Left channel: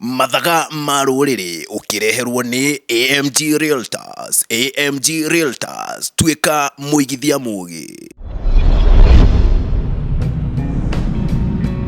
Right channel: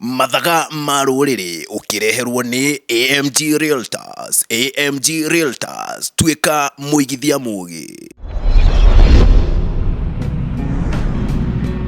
Mathaga Ma Rũrĩrĩ ũkĩreherwo nĩ AMG Realtors. AMG Realtors, tuĩka mũigithia mũũgĩ.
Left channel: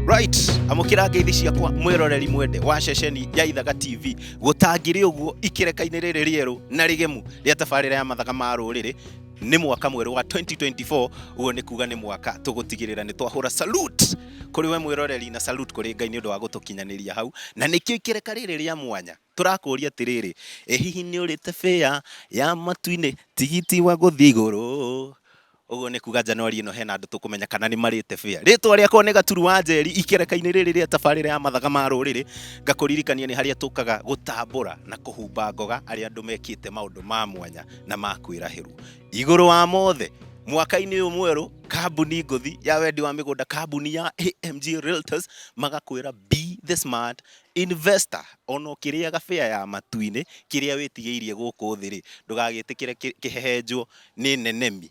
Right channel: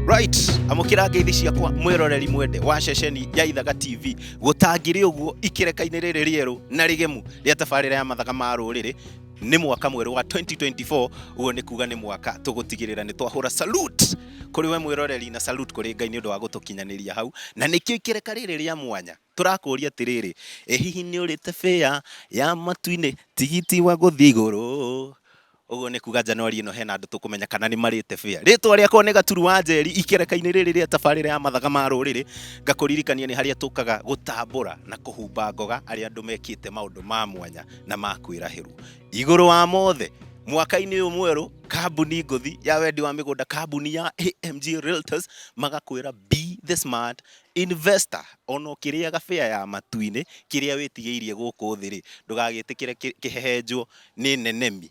Right, amũkĩra ngeithi ciakwa mwĩroreri mwende wa ceceni ya Ithaga TV. Gũtangĩrĩ ũguo ikereka-inĩ rĩrĩ rĩerũ na rĩgemu rĩa tabarĩra ya Mathaga Ma Rũrĩrĩ. Nĩ mwaka mwerũ wa 2024, uo nĩ kuga nĩ mwaka tũgũtigĩrĩra nĩ twahũra salute kũrĩ we mwĩroreri na salute kũrĩ Ngai nĩ ũndũ wa gũtũkinyanĩria hau. Na nĩkĩo ikereka rĩrĩ rĩa mwanya tũrakũria atĩrĩrĩ, hihi nĩ ũrĩte fare ya matu-inĩ, tigiti wa gũthiĩ igũrũ? Uguo nĩ kuga Januari ĩno hena andũ tũkũmenya kana nĩ marĩte fare. Rĩtwa rĩakwa nĩ Gaturu wa Njeri, ikereka-inĩ rĩrĩ rĩa tabarĩra ya Mathaga Ma Rũrĩrĩ. Ngakũririkania nĩ harĩa tũkaga gũtambũra na kũhumba ngoga arĩa andũ mekĩte maũndũ ma mwanya na ma kwĩrahĩrwo. Igũrũ wa mothe, mwaka-inĩ ũyũ mwerũ, kambuni ngũthi ya wendi wa mĩgũnda, kambuni ya AMG Realtors, magakwĩra be the smart investor. Ono kĩrĩaga fare ya matu-inĩ, kĩrĩa wĩtigĩirie gũkũ thĩ-rĩ, ndũgagĩtĩkĩre kĩhehenjwo nĩ nenemi.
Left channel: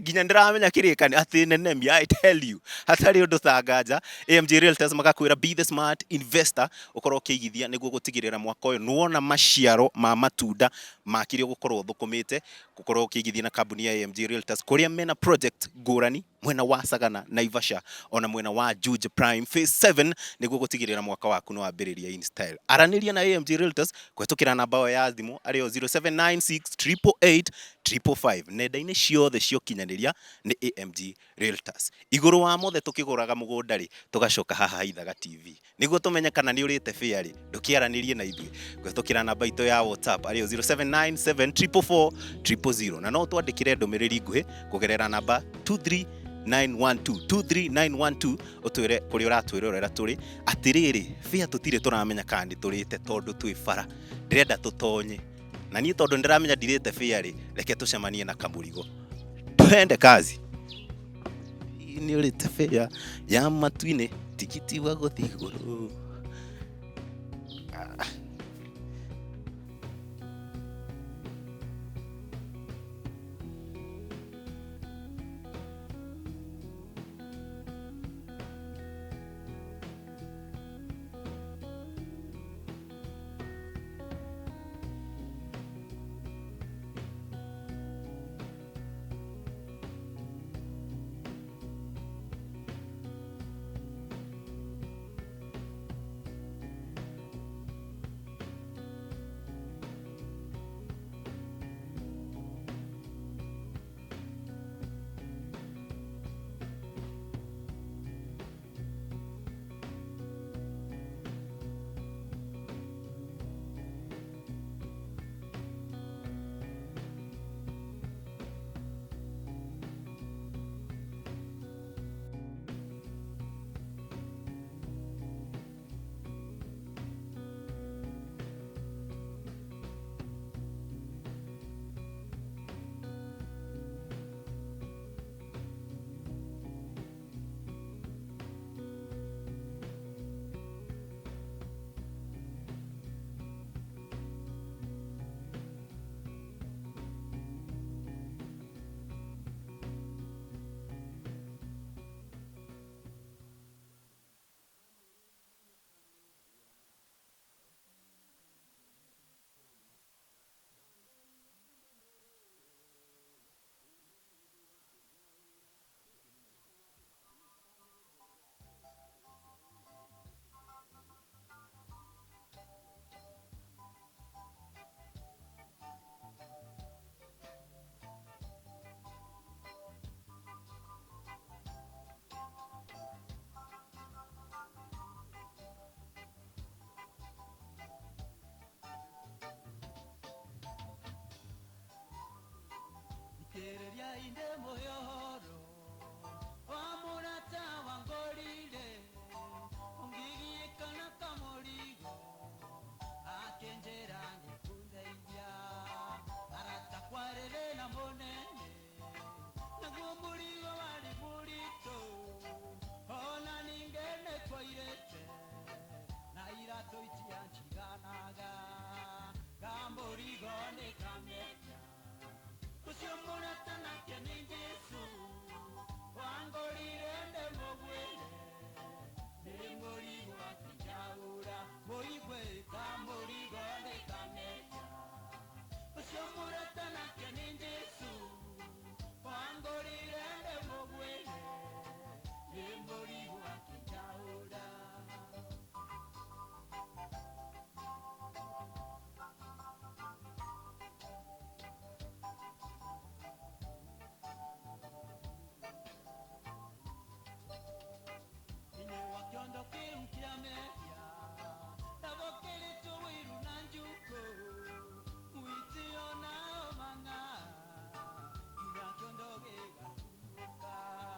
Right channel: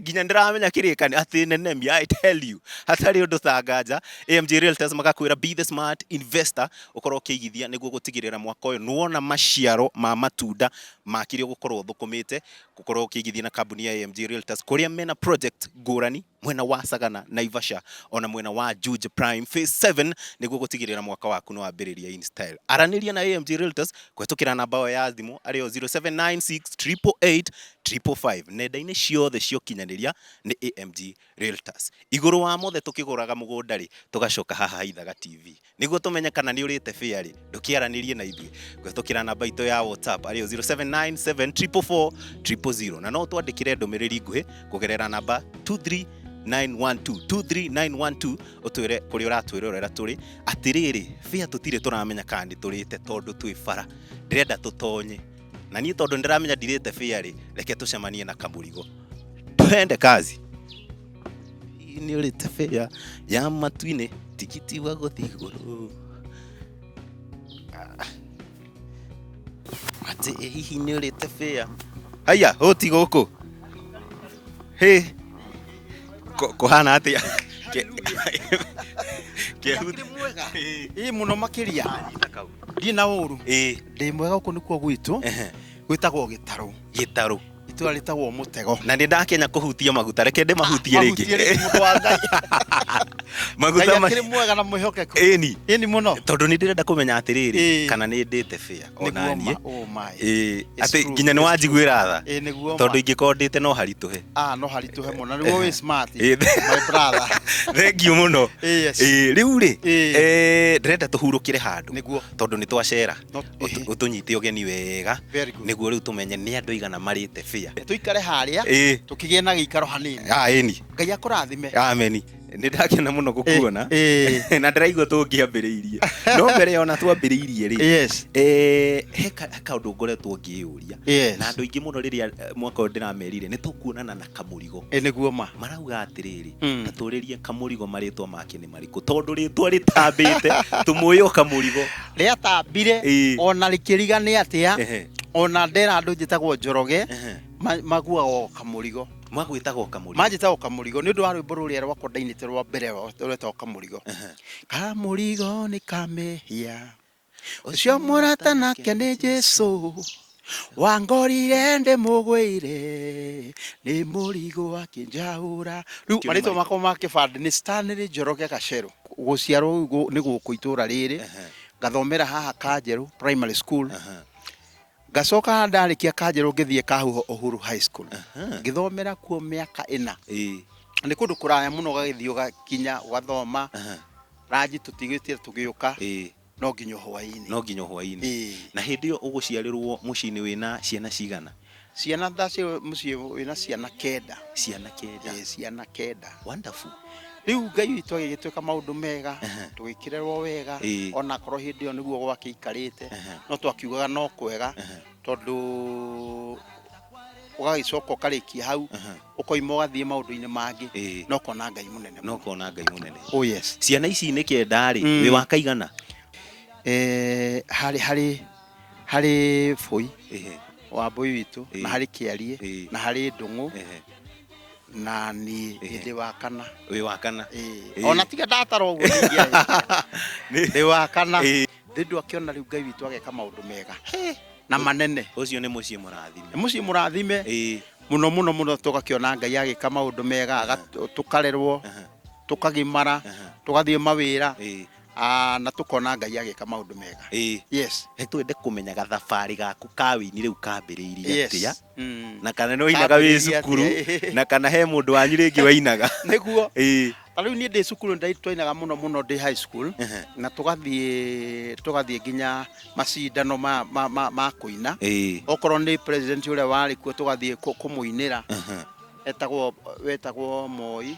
Nginya ndĩramenya kĩrĩkanĩro atĩ nenemi, I tell you, hatarĩ ũndũ ta nganja. AMG Realtors magakwĩra be the smart investor, ũkorwo ũkĩigithia nĩguo gũtigĩrĩra mwaka ũyũ nĩwona maciaro ma matunda ma kĩrĩa ũgũkorwo ũthũkũmĩte, gũkorwo ũkĩigithia na kambuni ya AMG Realtors, kũrĩa mena project ngũrani mwena wa Sagana, Naivasha, ona mwena wa Juja Prime Phase 7, nĩguo gũtigĩrĩra mwaka waku nĩ wambĩrĩria in style. Aranĩria na AMG Realtors kũhetũkĩra namba yao ya thimũ arĩyo 0796 888 555. Nenda-inĩ ciothe ciokinyanĩria nĩ AMG Realtors. Igũrũ wa mothe tũkĩgũraga mũgũnda-rĩ, tũgacoka haha Ithaga TV. Nĩguo tũmenye kana nĩ ũrĩte fare-rĩ, ndũkĩaranĩrie na ithuĩ kũhetũkĩra namba itũ ya WhatsApp arĩyo 0797 444 000. Na no twandĩkĩre ndũmĩrĩri nguhĩ kũgerera namba 23912 ũtwĩre kũrĩa ũratwĩrorera tũrĩ. Atĩrĩrĩ, fare tũtirĩ tũramenya kana nĩ tũrĩte tondũ twĩ bara. Ndĩrenda tũtonye. Na niĩ tondũ ndĩramenya ndirĩte fare-rĩ, reke tũcemanie na Kamurigo. Twende kazi. Nĩ ũrĩte fare ya matu-inĩ, tigiti wa gũthiĩ igũrũ? Atĩ hihi nĩ ũrĩte fare? Haya, hũti gũkũ. Hĩ, kũhana atĩa? Ĩ mũno makĩria. Ndiĩ na ũru. Ndĩ mwega gũkũ nĩkuo gwitũ. Gwĩtagwo gĩtarũ. Gĩtarũ. Itũra rĩtagwo mũtego. Na nĩ ndakenya kũhutia maguta, reke ndĩmahutie rĩngĩ. Maguta makĩrĩ mwega na mwĩhokeku. Ĩni mũno. Tondũ nĩ ndĩrenda kũmenya atĩrĩrĩ, kana nĩ ndĩte fare ona niĩ. Atĩ nginya nĩ wanjiguĩra tha. Tondũ ingĩkorwo ndĩte no haritũhe. No haritũhe mũno, nĩguo wĩ smart, my brother. Thengiũ mũno. Rĩu-rĩ, ndĩrenda tũhurũkĩre handũ, tondũ nĩ twacera, ũtũnyite ũgeni wega, nĩguo rĩu tũmenye nĩ andũ igana marĩte fare. Tũikare harĩa, tũkĩgĩe na gĩikaro hanini. Ĩni. Ngai akũrathime. Ameni. Nĩ ndakena mũno gũkuona na ndĩraigua tũngĩambĩrĩirie. No mbere ona twambĩrĩirie-rĩ, he kaũndũ ngoretwo ngĩyũria, na andũ aingĩ mũno rĩrĩa mwaka ũyũ ndĩramerire nĩ tũkuonana na Kamurigo. Nĩguo ma. Marauga atĩrĩrĩ, na tũrĩrie Kamurigo marĩtwa make nĩ marĩkũ, tondũ rĩtwa rĩtambĩte, tũmũĩ o Kamurigo. Rĩatambire, ona rĩkĩrigania atĩa, ona ndera andũ njĩtagwo Njoroge, maguagwo Kamurigo. Magwĩtagwo Kamurigo. Manjĩtagwo Kamurigo nĩ ũndũ wa rwĩmbo rũrĩa rwakwa ndainĩte rwa mbere rwetagwo Kamurigo. Kamurigo nĩ kamehia, ũcio mũrata nake nĩ Jesũ, wangorire ndĩmũgwĩire, nĩ mũrigo akĩnjaũra. Rĩu marĩtwa makwa ma kĩbandĩ nĩ Stanley Njoroge Gacerũ. Gũciarwo nĩ gũkũ itũra rĩrĩ, ngathomera haha Kanjerũ Primary School. Gacoka ndarĩkia Kanjerũ ngĩthiĩ Kahuho Uhuru High School. Ngĩthomera kuo mĩaka 4. Nĩ kũndũ kũraya mũno ũgagĩthiĩ ũgakinya ũgathoma. Ranji tũtigĩtie tũgĩũka. No nginya hwaĩ-inĩ. No nginya hwaĩ-inĩ. Na hĩndĩ ĩyo ũgũciarĩrwo mũciĩ-inĩ wĩna ciana cigana? Ciana ndaciarwo mũciĩ wĩna ciana 9. Ciana 9. Ciana 9. Wonderful. Rĩu Ngai witũ agĩgĩtwĩka maũndũ mega, tũgĩkĩrerwo wega, ona korwo hĩndĩ ĩyo nĩguo gwakĩikarĩte, no twakiugaga no kwega, tondũ ũgagĩcoka ũkarĩkia hau, ũkoima ũgathiĩ maũndũ-inĩ mangĩ, no kona Ngai mũnene. No kona Ngai mũnene. Oh yes. Ciana ici nĩ 9-rĩ, wĩ wa kaigana? Harĩ Bũi, wa Bũi witũ, na harĩ Kĩarie, na harĩ Ndũng'ũ, na ni ndi wa kana wi wa kana ona tiga ndatara uguo ndi wa kana Ndindu akiona riu Ngai witu ageka maundu mega na manene. Ucio ni muciĩ mũrathime. Muciĩ mũrathime muno muno muno, tugakiona Ngai agika maundu mega, tukarerwo, tukagimara, tugathie mawira, na tukona Ngai agika maundu mega. Yes. Twende kumenya gathabarĩ gaku ka wĩini rĩu kambĩrĩirie atĩa, na kana nĩ wainaga wĩ cukuru, na kana he mũndũ wanyu rĩngĩ wainaga. Nĩguo. Rĩu niĩ ndĩ cukuru twainaga muno muno ndĩ high school, na tugathie nginya macindano ma kuina. Okorwo nĩ president ũrĩa warĩ kuo tugathie kũmũinĩra, wetagwo Moi,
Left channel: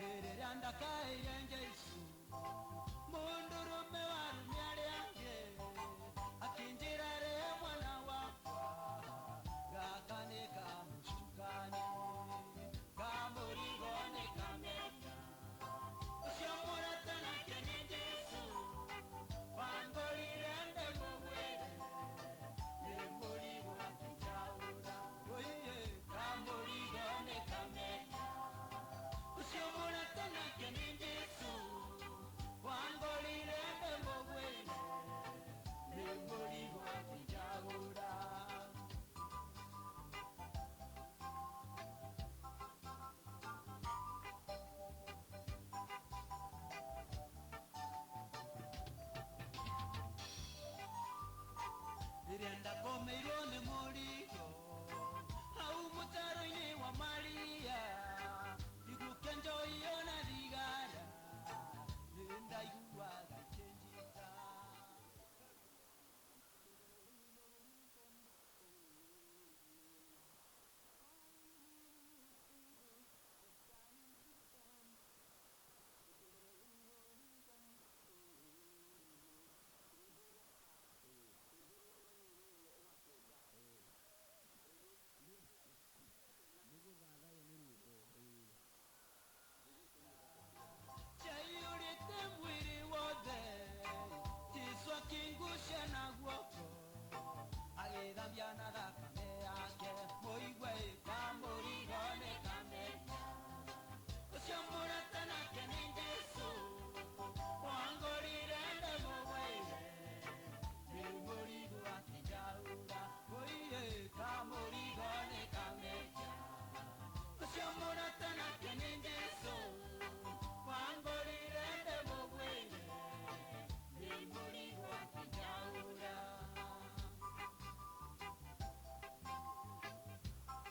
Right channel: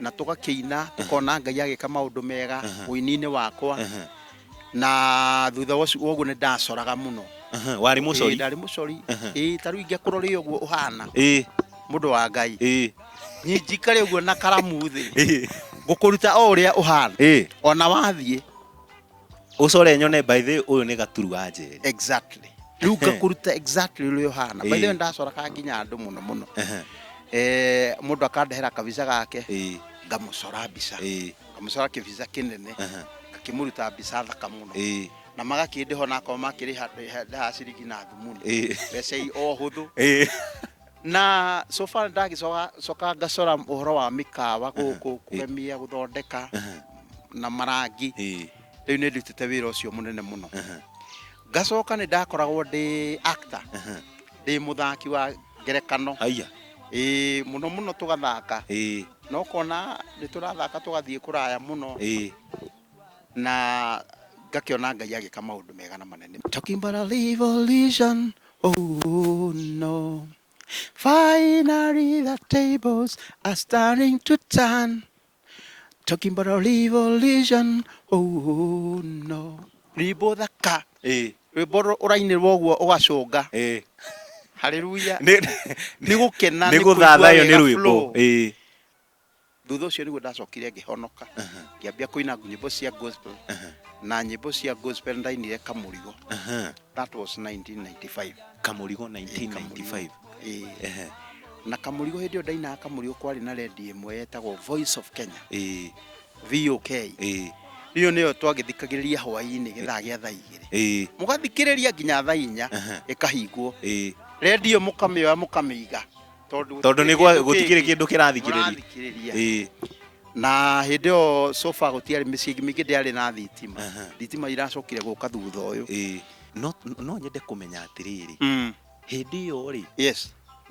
na tugakĩina, tukona Ngai agĩka maũndũ mega ũini-inĩ wakwa, na thutha ũguo nĩ ndacoraga muno. Warĩ mũcori? Ndarĩ mũcori. Ta rĩu ingĩkũrora ũguo ũhana mũndũ wa Ngai, njikare ũguo na karamu thĩ, ngũkũruta o ũrĩa ũhana, ona wathiĩ ũcore nyone by the ũyũ nĩ gaturu wa njeri. Exactly. Rĩu ngakũruta exactly ũrĩa ũhana. By the way ndacoraga nginya andũ muno muno. Mũndũ akandehera kabica gake, ngamũcora mbica, ngamũcora kĩbica kĩnene, ngakĩmũruta mbica thaka mũno, na magakĩndĩho nako makĩrĩha ciringi na thimũ, mbeca o hũthũ. Na so far ndagicoka ngacora ũhoro wa mĩkawa gũkũ, kũgemia, gũthondeka na marangi. Rĩu nĩ ndutĩte wĩra ũcio mũnene mũno. Ngacoka nĩ ndakoragwo ndĩ actor, ndĩ mũthaki wa ngerekano. Muno muno tugathaka, no kona nĩ tũrathaka tugathiĩ kũraya mũno, na ngakiona Ngai agĩka maũndũ mega na manene. Talking about a revolution, oh no, finally the tables are starting to turn. Talking about a revolution, oh no. Rwĩmbo thaka, rwĩmbo ũrainĩrwo ũguo ũgacũnga. Hallelujah. Nĩ gũkena, nĩ gũthathayo nĩ rwĩmbo. Thutha ũcio nĩguo ndacokire ngĩhonoka, ngĩambia kũina nyĩmbo cia gospel, na nyĩmbo cia gospel ndainire Kamurigo. That was 1995. Kamurigo 1995. Na Kamurigo hĩndĩ ĩyo ndainaga Kamurigo kwarĩ na redio ĩmwe yetagwo Voice of Kenya, VOK. Iyo nĩyo twagĩthikagĩrĩria hwaĩ-inĩ gĩthaa gĩa thaa 2. Mũgathikĩrĩria nginya thaa 4 ĩkahingwo. Redio mũkamĩoya mũkamĩiga, tondũ nĩ gũtikĩrĩ kĩndũ kĩrathikĩrĩria. Na hĩndĩ ĩyo so far gũtiarĩ mĩciĩ mĩingĩ ndĩarĩ na thitima. Thitima iracokire gũka thutha ũyũ. No nyende kũmenya atĩrĩrĩ, hĩndĩ ĩyo rĩ,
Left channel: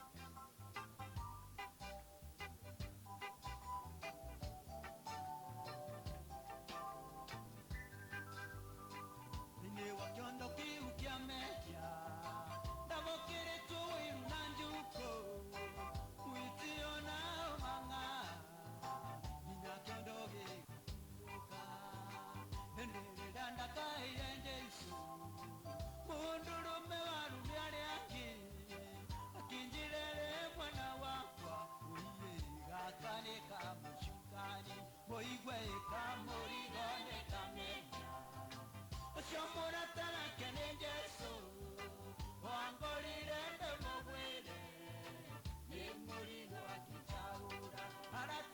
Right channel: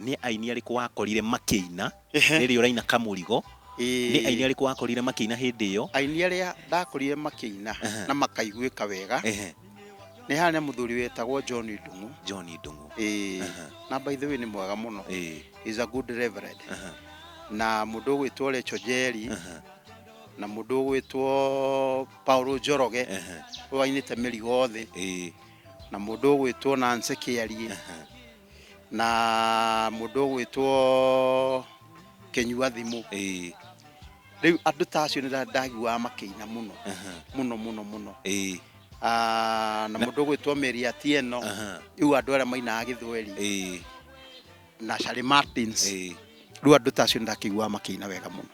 nĩ aini arĩkũ wakorire makĩina rĩrĩa ũraina Kamurigo? Nĩ aini arĩkũ wakorire makĩina hĩndĩ ĩyo? Aini arĩa ndakorire makĩina na makaiguĩka wega nĩ harĩ mũthuri wetagwo John Ndung'u. Na by the way nĩ mwega mũno. He's a good reverend. Na mũndũ ũgwĩtwo Lecho Jerry, na mũndũ ũgwĩtwo Paulo Njoroge wainĩte mĩrigo thĩ, na mũndũ ũgwĩtwo Nancy Kĩarie, na mũndũ ũgwĩtwo Kenyua thimũ. Rĩu andũ ta acio nĩ ndaiguaga makĩina mũno mũno mũno mũno. Na mũndũ ũgwĩtwo Mary Atieno, rĩu andũ arĩa mainaga Gĩthweri, na Charlie Martins. Rĩu andũ ta acio ndakĩiguaga makĩina wega mũno.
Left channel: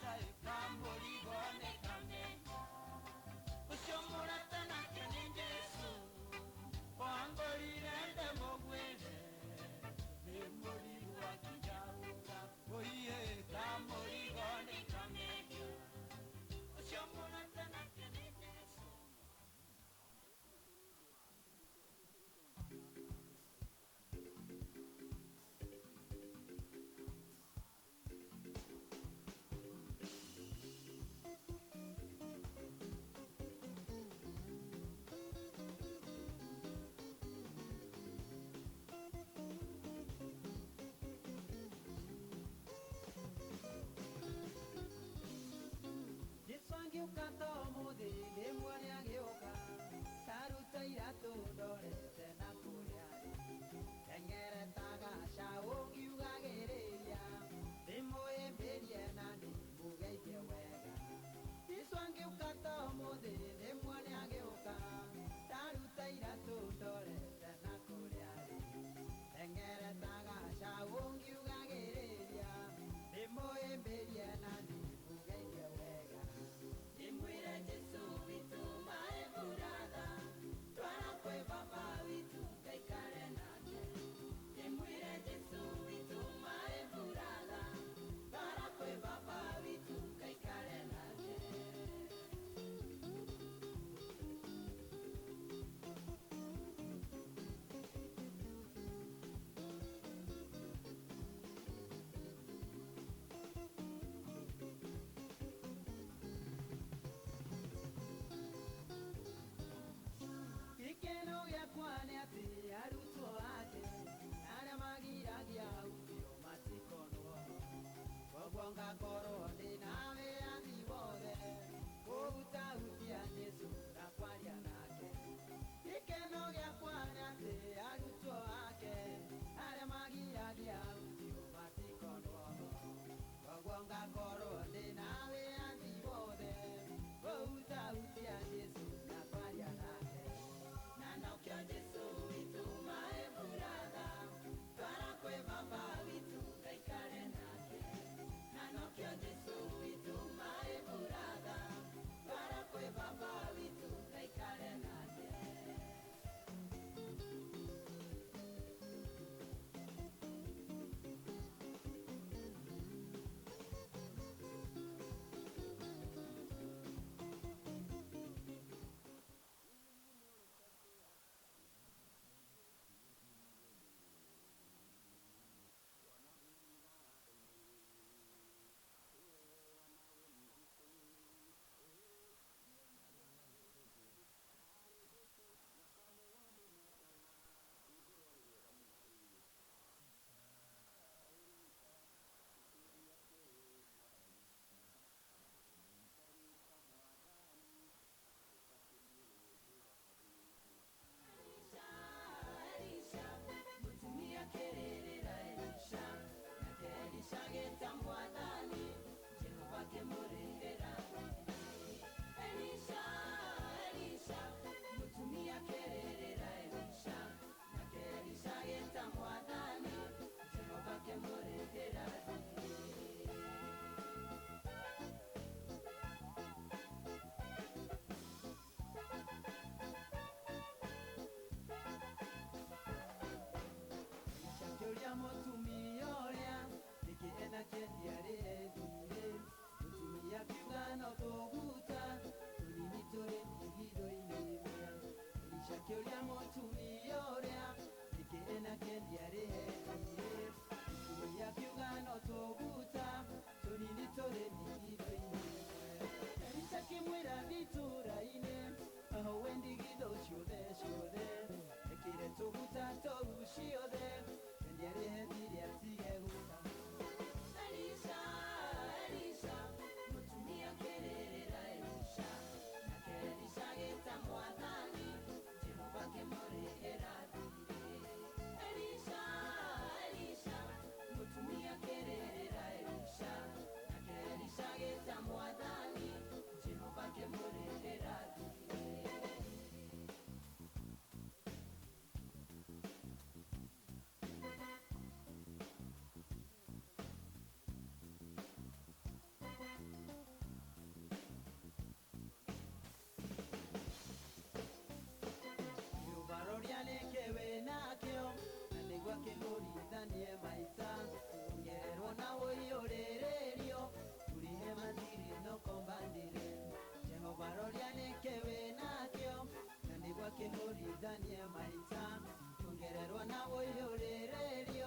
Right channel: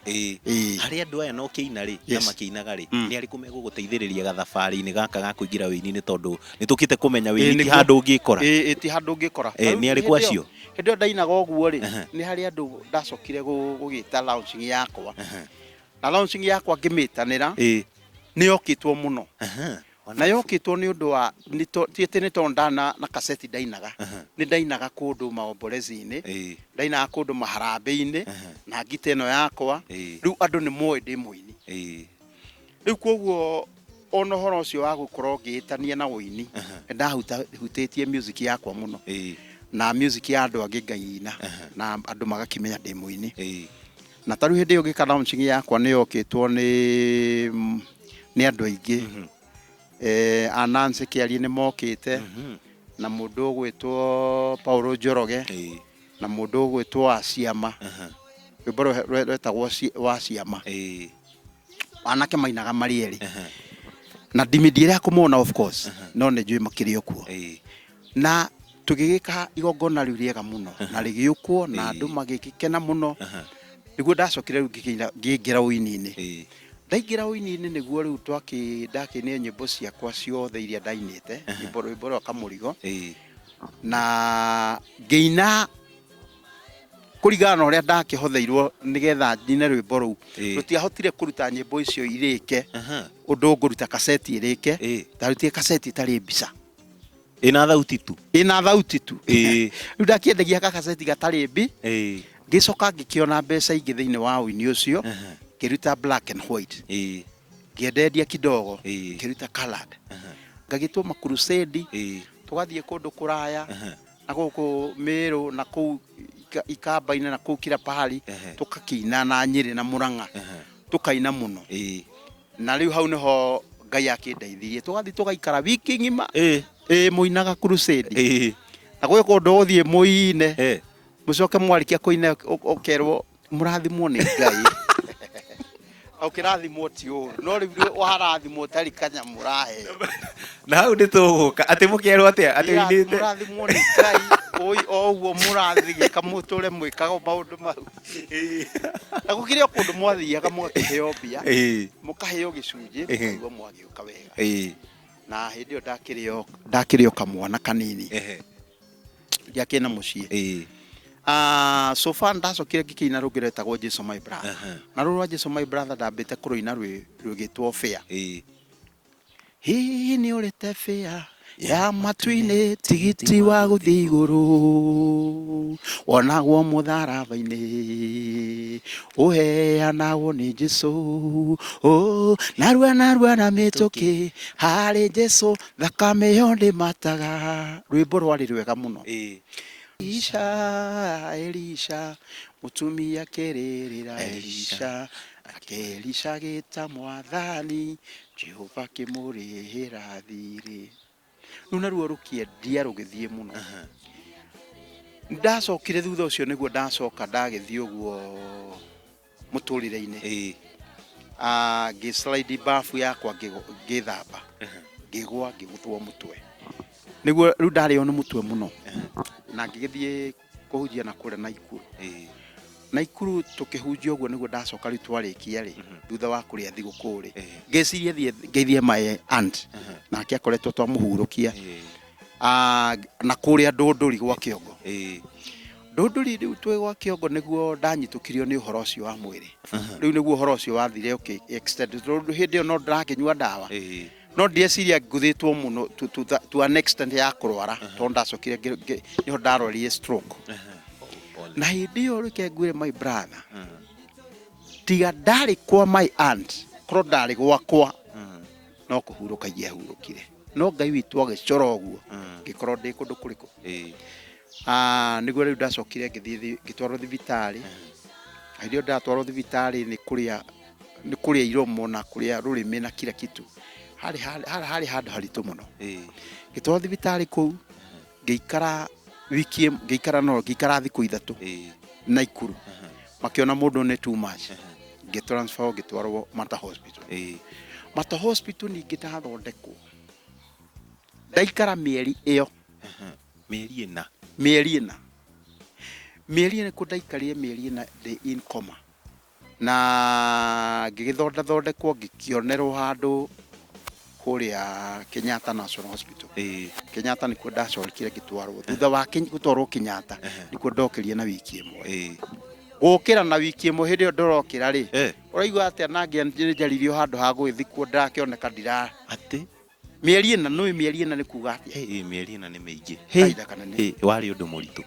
Harĩ andũ aya no kĩina rĩ, na makĩinaga rĩ, nĩ arĩkũ megũgũteithĩrĩria gathabarĩ-inĩ gaka ga kũingĩra wĩini-inĩ, tondũ nĩ tũkĩte kũmenya wĩini ti handũ ũngĩkora. Ti handũ ũngĩkora. Nĩ arĩkũ acio? Hĩndĩ ĩyo ndainaga ũguo rĩ, nĩ harĩ andũ ndacokire gũgĩta launching yakwa, na launching yakwa ngĩmĩtanĩra nĩ yokĩtwo mũno. Na yokĩtwo nĩ ũndũ wa tiĩtĩ nĩ tondũ na kaseti ndainaga, nĩ ndainaga kũndũ maombolezi-inĩ, ndainaga kũndũ maharambĩ-inĩ na ngita ĩno yakwa. Rĩu andũ nĩ moĩ ndĩ mũini. Rĩu koguo ona ũhoro ũcio wa gũkorwo ngĩĩtania na ũini, ndahutĩtie music yakwa mũno, na music ya andũ angĩ ngaina, na andũ magakĩmenya ndĩ mũini. Na ta rĩu hĩndĩ ĩyo ngĩka launching yakwa nĩ yokĩtwo nĩ andũ aingĩ. Nancy Kĩarie nĩ mokĩte, na mũndũ ũgwĩtwo Paulo Njoroge, na mũndũ ũgwĩtwo wa Ciama, rwĩmbo rwetagwo wa Ciama. Anake mainaga marĩ erĩ, na ndimĩndiĩre kũmona of course, no nĩ njũĩ makĩrĩ o kuo. Na tũgĩgĩka igongona rĩu rĩega mũno, na rĩgĩũkwo na andũ magĩkena mũno. Nĩguo ndacokire rĩu ngĩingĩra ũini-inĩ, Ndaingira uini-inĩ nĩguo rĩu ndakinire nyĩmbo ciakwa ciothe iria ndainĩte rwĩmbo rwa Kamurigo na ngĩina kũringana na ũrĩa ndakĩhotheirwo nĩgetha njine rwĩmbo rũu rũtiahotire kũruta nyĩmbo icio irĩke ũndũ ngũruta kaseti ĩrĩke ndarutire kaseti itarĩ mbica ina thauti tu rĩu ndakĩendagia kaseti gatarĩ mbi ngĩcoka ngĩkĩona mbeca ingĩ thĩinĩ wa ũini ũcio ngĩruta black and white ngĩenderia kidogo ngĩruta colored ngagĩtũma crusade tũgathiĩ kũndũ kũraya na gũkũ Meru na kũu Ikamba-inĩ na kũu kila pahali tũkakĩina na Nyĩrĩ na Mũrang'a tũkaina mũno na rĩu hau nĩho Ngai akĩndeithirie tũgathiĩ tũgaikara wiki ng'ima mũinaga crusade na gwĩ kũndũ ũthiĩ mũine mũcoke mwarikia kũina ũkerwo mũrathimwo nĩ Ngai ukirathimwo ti ũru no rĩu warathimwo tarĩ kanyamũ rahe na hau nĩtũgũka atĩ mũkerwo atĩa atĩ uinĩte mũrathimwo nĩ Ngai o ũguo mũrathiĩ kamũtũre mwĩkaga maũndũ mau na gũkĩrĩ kũndũ mwathiaga mũgakĩheo mbia mũkaheo gĩcunjĩ mũkaigua mwagĩũka wega na hĩndĩ ĩyo ndakĩrĩo kamwana kanini gĩakĩna mũciĩ so far ndacokire ngĩkĩina rũngĩ rwetagwo Jesu my brother na rũrũ rwa Jesu my brother ndambĩte kũrũina rwĩgĩtwo fair hihi nĩ ũrĩte fair ya matu-inĩ tigiti wa gũthiĩ igũrũ wonagwo mũtharaba-inĩ ũheanagwo nĩ Jesu narua na mĩtũkĩ harĩ Jesu thakame yo ndĩmataga rwĩmbo rwarĩ rwega mũno Elisha mutumia kererera Elisha akelisha gĩta mwathani Jehova kĩmũrĩhĩra thirĩ rĩu naruo rũkĩendia rũgĩthiĩ mũno ndacokire thutha ũcio nĩguo ndacoka ndagĩthiĩ ũguo mũtũrĩre-inĩ ngĩslide bafu yakwa ngĩthamba ngĩgwa ngĩgũthwo mũtwe nĩguo rĩu ndarĩo nĩ mũtwe mũno na ngĩgĩthiĩ kũhunjia na kũrĩa Naikuru tũkĩhunjia ũguo nĩguo ndacoka rĩu twarĩkia thutha wa kũrĩa thigũkũ ngĩciria ngeithie my aunt nake akoretwo twamũhurũkia na kũrĩa Ndũndũri gwa Kĩongo Ndũndũri rĩu twĩ gwa Kĩongo nĩguo ndanyitũkirio nĩ ũhoro ũcio wa mwĩrĩ rĩu nĩguo ũhoro ũcio wathire extend hĩndĩ ĩyo no ndĩrakĩnyua ndawa no ndieciria ngũthĩtwo mũno to an extent ya kũrwara tondũ ndacokire nĩho ndarwarire stroke na hĩndĩ ĩyo reke ngwĩre my brother tiga ndarĩ kwa my aunt korwo ndarĩ gwakwa no kũhurũka ingĩahurũkire no Ngai witũ agĩcora ũguo ngĩkorwo ndĩ kũndũ kũrĩkũ nĩguo rĩu ndacokire ngĩtwarwo thibitarĩ hĩndĩ ĩyo ndatwarwo thibitarĩ nĩ kũrĩa iromo na kũrĩa rũrĩmĩ na kila kitu harĩ handũ haritũ mũno ngĩtwarwo thibitarĩ kũu ngĩikara thikũ ithatũ Naikuru makĩona mũndũ nĩ too much ngĩtransfer ngĩtwarwo Mata hospital ningĩ ndathondekwo ndaikara mĩeri ĩyo mĩeri ĩna kũ ndaikarire mĩeri ĩna ndĩ in coma na ngĩgĩthondekwo ngĩkĩonerwo handũ kũrĩa Kenyatta National Hospital Kenyatta nĩkuo ndacorikire ngĩtwarwo thutha wa gũtwarwo Kenyatta nĩkuo ndokerie na wiki ĩmwe gũkĩra na wiki ĩmwe hĩndĩ ĩyo ndorokĩra ũraigua atĩa na ngĩanjaririo handũ ha gũgĩthikwo ndakĩoneka atĩ mĩeri ĩna nĩ kuga atĩa mĩeri ĩna nĩ mĩingĩ warĩ ũndũ mũritũ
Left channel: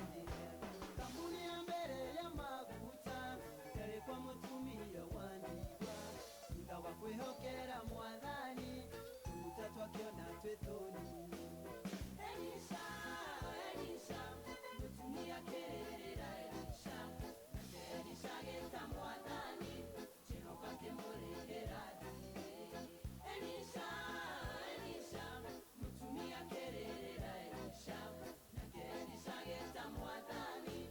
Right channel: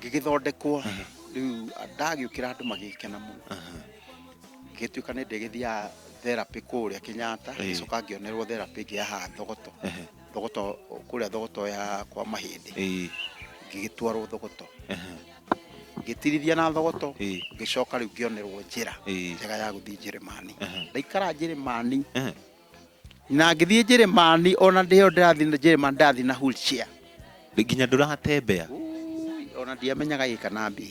ngĩgĩthondekwo rĩu ndagĩũkĩra andũ magĩkena mũno ngĩtuĩka nĩ ndĩgĩthiaga therapy kũrĩa Kenyatta ngĩcoka ngĩonerwo therapy ĩngĩ ya thogoto kũrĩa thogoto ya kwa mahĩndĩ ngĩgĩtwarwo thogoto ngĩtirithia na thogoto ngĩcoka rĩu ngĩonerwo njĩra njega ya gũthiĩ Njĩrĩmani ndaikara Njĩrĩmani na ngĩthiĩ Njĩrĩmani ona ndĩyo ndĩrathiĩ Njĩrĩmani ndathiĩ na wheelchair nginya ndũratembea ona ndiamenyaga gĩkana mbĩ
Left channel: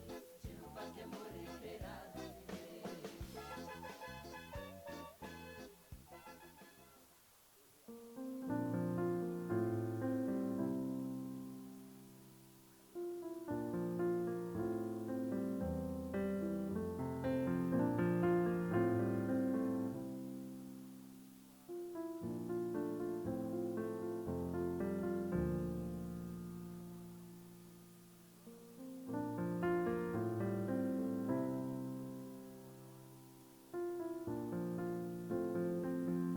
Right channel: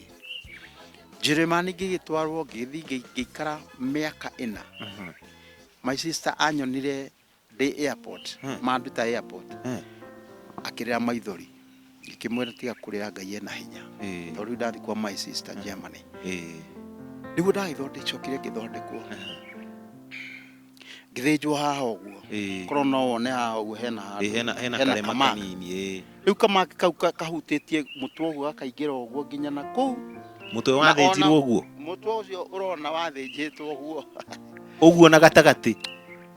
Njĩrĩmani ngĩgĩtwarwo ngĩthiĩ ngĩikara mĩaka 4 my sister anyonire ndĩ airport manduta airport akĩrĩra maithori ngĩkĩmwĩra tiga kũrĩra Ngai ena hinya tondũ ndathiĩ kwa my sister Germany nĩguo ndagĩthondekire ngĩthondekwo ngĩthĩnjwo haha ũguo korwo no wone haha ũguo hena karema kanini rĩu kamaki kau kahutĩtie mũtwe ũguo gakaingĩra ũguo nginya na kũu mũtwe wathĩnjirwo ũguo mũtwe ũcio ũrona wathĩnjĩtwo ũguo na gatagatĩ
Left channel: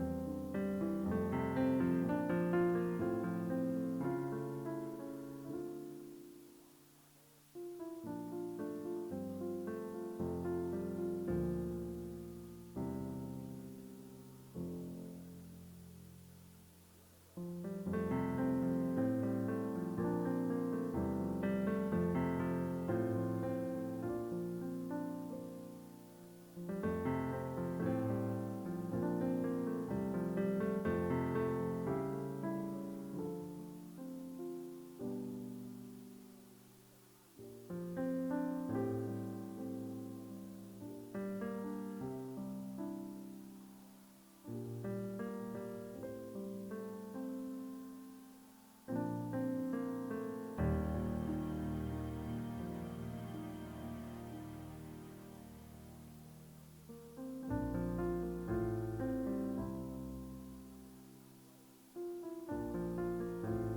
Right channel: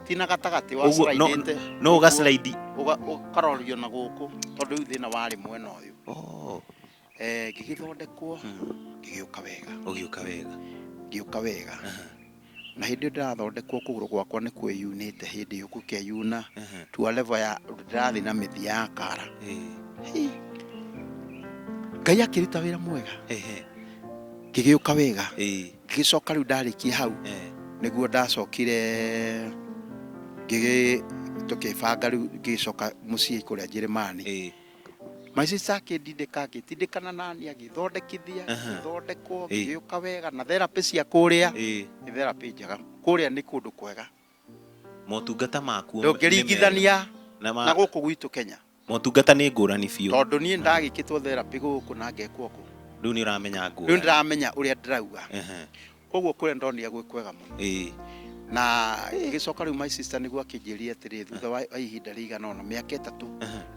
ti na gatagatĩ wa slide no ũgaslide ũkarorio na gũkũ tondũ rĩu thĩna warĩ mwena ũyũ ngĩgĩthondekwo ngĩũka wega na hĩndĩ ĩyo ndĩrathondekwo kũgũrũ gwakwa nĩ kwĩyunĩte hĩndĩ ĩyo gũkĩyuna to level ya ndĩrathiĩ na mĩthia ya kara Ngai akĩruta wĩra mwega ngĩgĩũka wega ngĩgĩcoka rĩu ndarĩkia hau nĩguo ndacokire tũkĩbanga rĩu ngĩcoka mũciĩ kũrĩa Njĩrĩmani my sister akĩndindĩkana nani agĩthondekithia ngĩthondekwo ngĩgĩũka wega na therapy cia kũrĩa nĩ therapy njega kũrĩa nĩ kũndũ kwega motungata makuo ndũngĩringithania na gũkũ gwitũ Kenya motungata nĩ ngũrani biũ tondũ niĩ ndagĩkĩtwo therapy gũkũ na ngekwo kũ rĩu nĩ ũramenya ngũrani rĩu ndĩramenya ũrĩa ndĩrauga koguo kũrĩa ndonire gwĩ kwega mũno na ngĩcoka rĩu my sister nĩguo akĩnjĩria atĩrĩ thutha wa ihinda rĩigana ũna mĩaka 3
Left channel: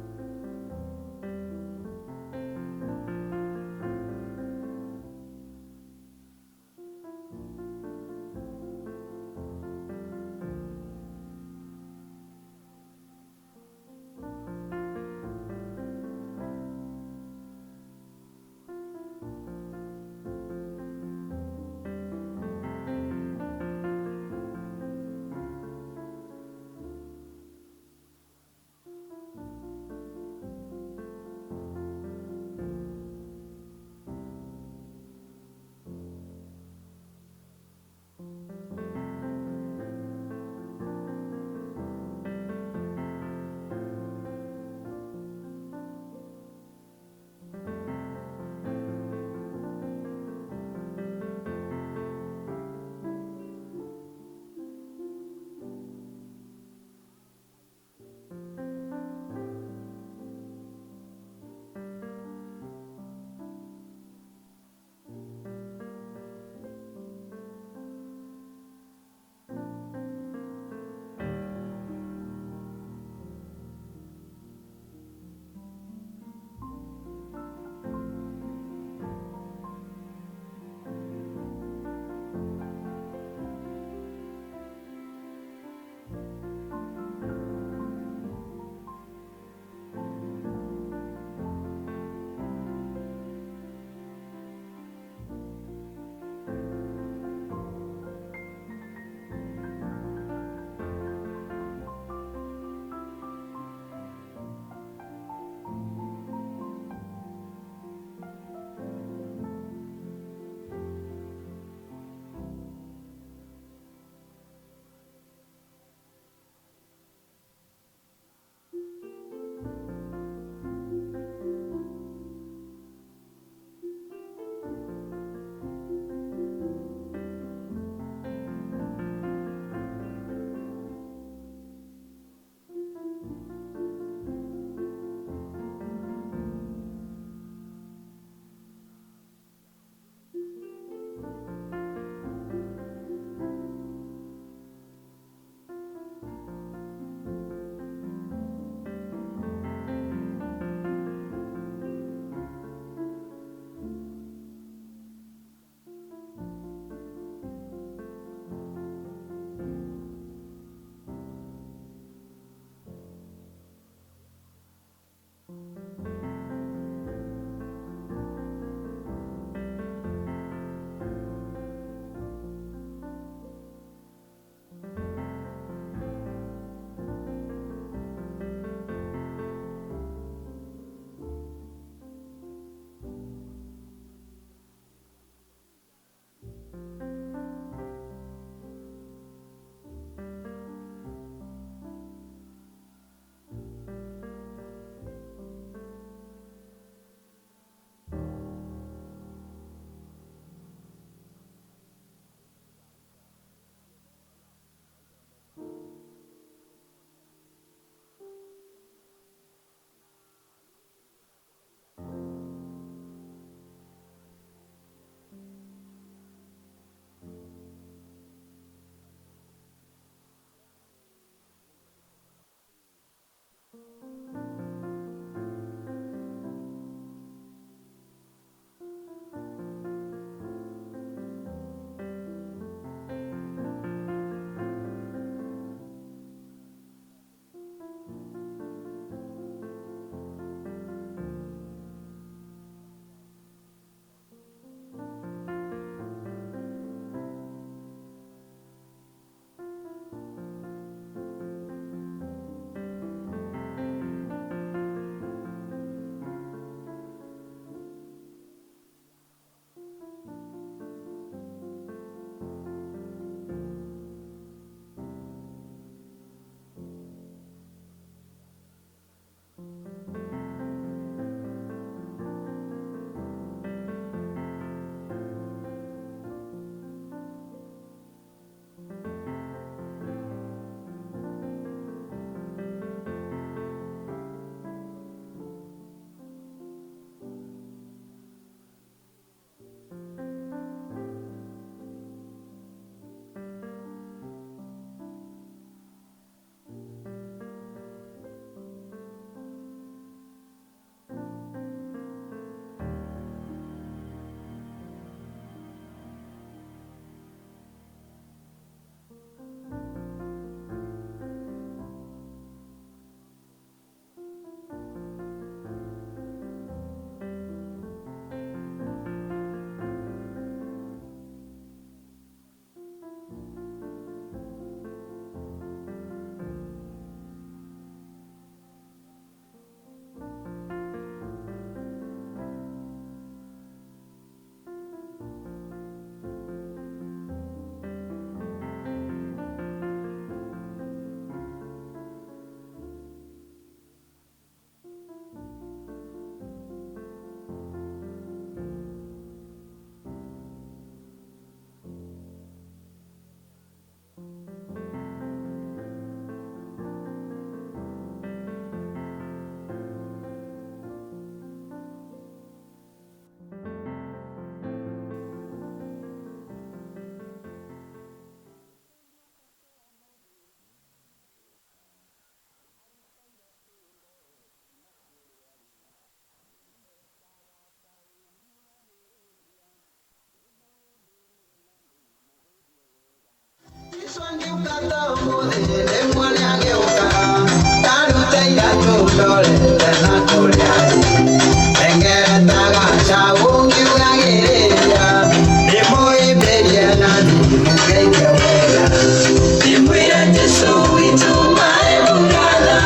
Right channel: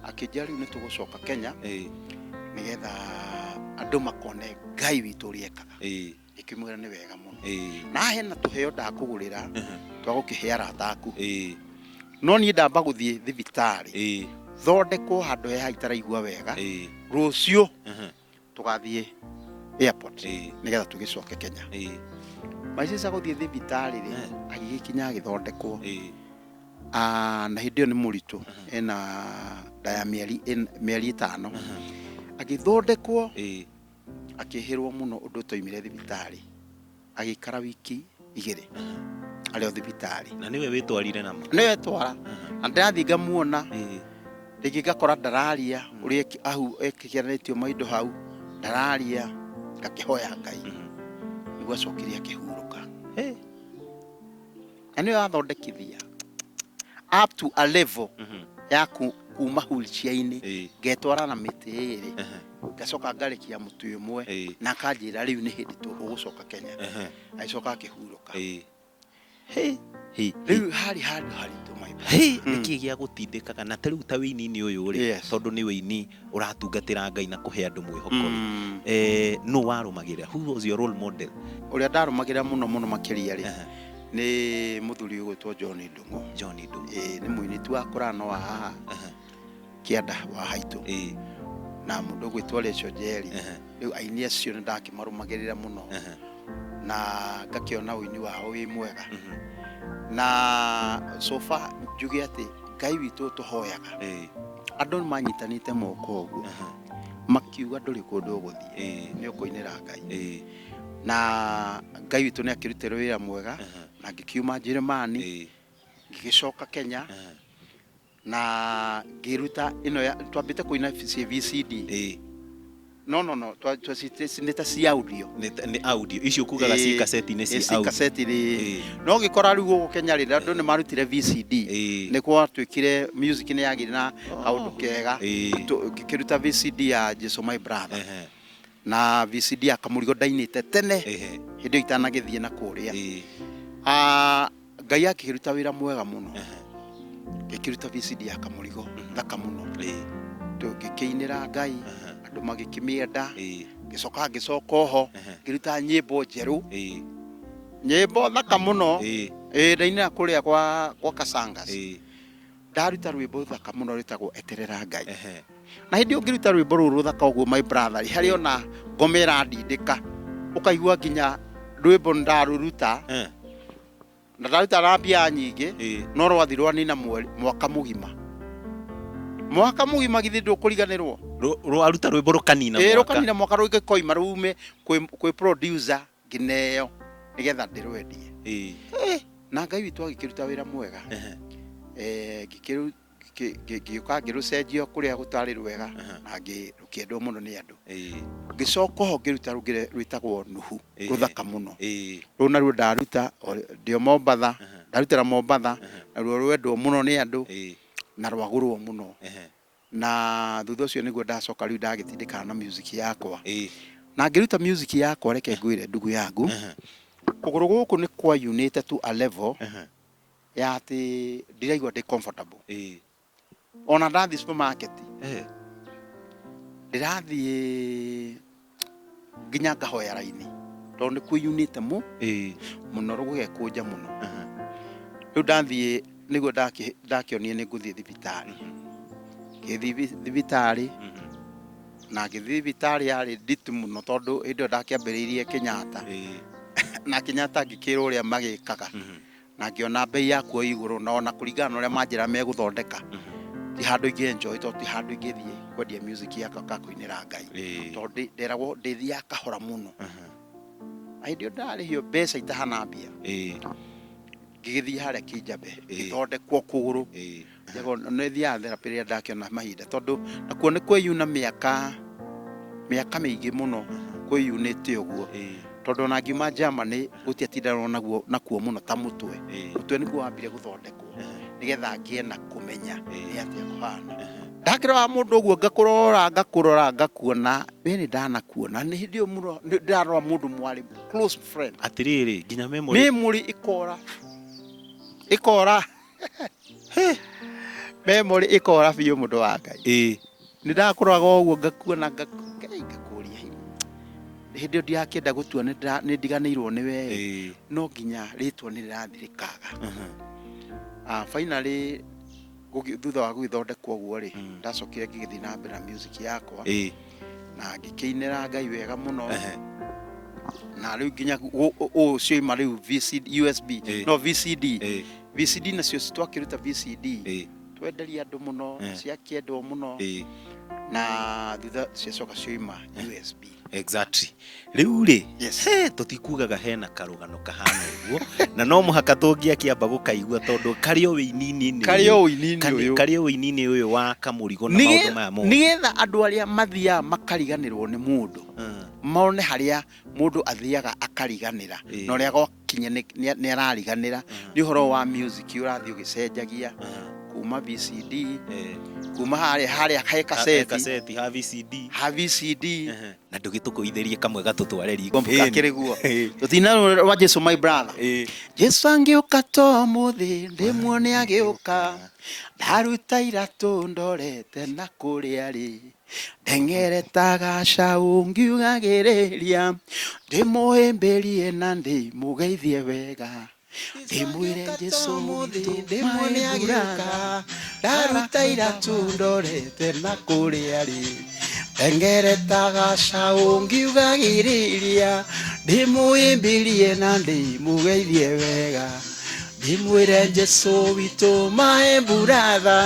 akĩnjĩra rĩu nĩ tũgũcoka Kenya nĩgetha andũ makone Ngai witũ ũrĩa ekaga ikĩmwĩra nĩ wega mũno na hena tũheo ndakũgũrĩra twa gũkĩhe arata aku no niĩ ndamba gũthiĩ thibitarĩ thondekwo handũ heha itaraigua wega rũciũ tũgathiĩ airport nĩgetha tũgĩcoke Kenya my sister gũthiĩ thibitarĩ agĩgĩkinya agĩthondekwo na hĩndĩ ĩyo nĩ mũritũ ena ndaya mĩeri 5 agĩthondekwo akĩhĩrwo mũno ũndũ toimire thibitarĩ agĩikara wiki 2 arĩ o thibitarĩ na niwe wĩtwarire namo niwe twara na ndathi ngamuona rĩngĩ ngakora ndararia ũrĩa ahu ekĩkĩranĩtio maindo hau ndararia akĩhoya Ngai nĩguo acokire akĩhurũka na nĩwe athondekithia up to a level ya kuma wheelchair-inĩ ngetwara na mĩtĩ ĩrĩ ngacoka ngarekia mũtĩ ũmwe na kanjĩra rĩu nĩ hĩndĩ tũgũcoka Kenya agĩcoka akĩhurũka rĩu harĩ handũ haritũ nĩkĩ gĩa gũtindĩkaga na tarĩu ta wĩini-inĩ ũyũ rĩ tondũ nĩ wĩini ũratungatĩra Ngai na kũhe andũ mwĩhoko nũ warũmagĩrĩra who was your role model ũrĩa ndarũmagĩrĩra mũno makĩria rĩ nĩ mũthuri ũgwĩtwo John Ndung'u nĩ mũini tu akũra no haha kĩanda wa haitũ na mũndũ ũgwĩtwo Lecho Njeri rĩu aini acio nĩ ndakĩmarũmagĩrĩra mũno na ngakĩona ũini wao wĩ mwega na so far njuge atĩ Ngai witũ tũhoyaga andũ nĩ manyitanĩte moko ũguo makiuga ndũrĩ kũndũ ũgũthiĩ nĩ ũkũinĩra Ngai na Ngai witũ nĩ akĩrutĩra wĩra mwega na ngĩkiuma Njĩrĩmani ngĩgĩcoka Kenya na ngĩruta ĩno twambĩte kũina VCD no nĩ ta cia audio nĩ audio icio kugaga ci cassette-inĩ cia audio cassette no gĩkora rĩu gũkũ Kenya rĩrĩa andũ nĩ marutire VCD nĩ gwatuĩkire music nĩ yagĩrĩ na kaũndũ kega ngĩkĩruta VCD ya Jesu My Brother na VCD ya Kamurigo ndainĩte tene hĩndĩ itanagĩthiĩ na kũrĩa Ngai akĩruta wĩra mwega mũno ngĩkĩruta VCD ya Kamurigo thaka mũno tũgĩkĩinĩra Ngai andũ magĩkĩmĩenda ngĩcoka oho ngĩruta nyĩmbo njerũ nyĩmbo thaka mũno ndainĩra kũrĩa gwa Kasangas ndaruta rwĩmbo thaka mũno rwĩtagwo eterera Ngai na hĩndĩ ũngĩruta rwĩmbo rũrũ thaka ũguo my brother harĩ ona ngoma ĩrandindĩka ũkaigua nginya rwĩmbo ndarũruta na ndaruta na mbia nyingĩ no rwathi rwanina mwaka mũgima githĩ ndũkũriganĩrwo rwaruta rwĩmbo rũkanina mwaka rũgĩkoima rume kwĩ producer ngineo nĩgetha ndĩrwendie na Ngai witũ agĩkĩruta wĩra mwega ngĩũka ngĩrũcenjio kũrĩa gũtarĩ rwega na ngĩendwo mũno nĩ andũ ngĩcoka ho ngĩruta rwĩtagwo Nuhu rũthaka mũno rũu naruo ndaruta ndio Mombatha ndarutĩra Mombatha naruo rwendwo mũno nĩ andũ na rwagũrwo mũno na thutha ũcio nĩguo ndacoka rĩu ndagĩtindĩkana na music yakwa na ngĩruta music yakwa reke ngwĩre ndugu yangu kũgũrũ gũkũ nĩ kwa unite to a level ya atĩ ndiraigua ndĩ comfortable ona ndathi supermarket ndirathiĩ nginya ngahoya raini tondũ nĩ kwĩyunĩte mũno rũgũgekũnja mũno rĩu ndathiĩ nĩguo ndakĩonire nĩ ngũthiĩ thibitarĩ ngĩthiĩ thibitarĩ na ngĩthiĩ thibitarĩ yarĩ nditũ mũno tondũ hĩndĩ ĩyo ndakĩambĩrĩirie Kenyatta na Kenyatta ngĩkĩrwo ũrĩa magĩkaga na ngĩona bei yakuo igũrũ na ona kũringana na ũrĩa manjĩra megũthondeka ti handũ ingĩ-enjoy tondũ ti handũ ingĩthiĩ kwendia music yakwa kakũinĩra Ngai tondũ nderagwo ndĩthiaga kahora mũno hĩndĩ ĩyo ndarĩhio mbeca itahana mbia ngĩgĩthiĩ harĩa Kĩnjambe ngĩthondekwo kũgũrũ nĩ thiaga therapy rĩrĩa ndakĩona mahinda tondũ nakuo nĩ kwĩyuna mĩaka mĩingĩ mũno kwĩyunĩte ũguo tondũ ona ngiuma Germany gũtiatindanwo nakuo mũno ta mũtwe nĩguo wambire gũthondekwo nĩgetha ngĩe na kũmenya nĩ atĩa kũhana ndakĩrora mũndũ ũguo ngakũrora ngakuona nĩ ndanakuona nĩ hĩndĩ ĩyo mũno ndĩrarora mũndũ mwarĩ close friend atĩrĩrĩ nginya memory ikora memory ikora biũ mũndũ wa Ngai nĩ ndakũraga ũguo ngakuona ngakũria hĩndĩ ĩyo ndirakĩenda gũtua nĩ ndiganĩirwo nĩwe no nginya rĩtwa nĩ rĩrathirĩkaga finally thutha wa gũgĩthondekwo ũguo rĩ ndacokire ngĩgĩthiĩ na mbere na music yakwa na ngĩkĩinĩra Ngai wega mũno na rĩu nginya cioima rĩu USB no VCD nacio twakĩruta VCD twenderia andũ mũno ciakĩendwo mũno na thutha ciacoka cioima USB exactly rĩu rĩ tũtikugaga hena karũgano kahana ũguo na no mũhaka tũngĩakĩamba gũkaigua tondũ karĩ o wĩinini ũyũ wa Kamũrigo na maũndũ maya mothe nĩgetha andũ arĩa mathiaga makariganĩrwo nĩ mũndũ mone harĩa mũndũ athiaga akariganĩra na ũrĩa gwakinya nĩ arariganĩra nĩ ũhoro wa music ũrathiĩ ũgĩcenjagia kuma VCD kuma harĩa he cassette ha VCD na ndũgĩtũkũithĩrie kamwe gatũtware riko kakĩrĩguo tũtina wa Jesu my brother Jesu angĩũka to mũthĩ ndĩmuone agĩũka ndaruta iratũ ndorete na kũrĩa rĩ ndengeretaga caũ ngiugagĩrĩria ndĩmũhĩmbĩrie na ndĩmũgeithie wega ndĩmwĩre Jesu mũthĩ ndĩmuone agĩũka ndaruta iratũ ndorete na kũrĩa rĩ ndengeretaga caũ ngiugagĩrĩria ndĩmũhĩmbĩrie na ndĩmũgeithie wega ndĩmwĩre Jesu witũ my brother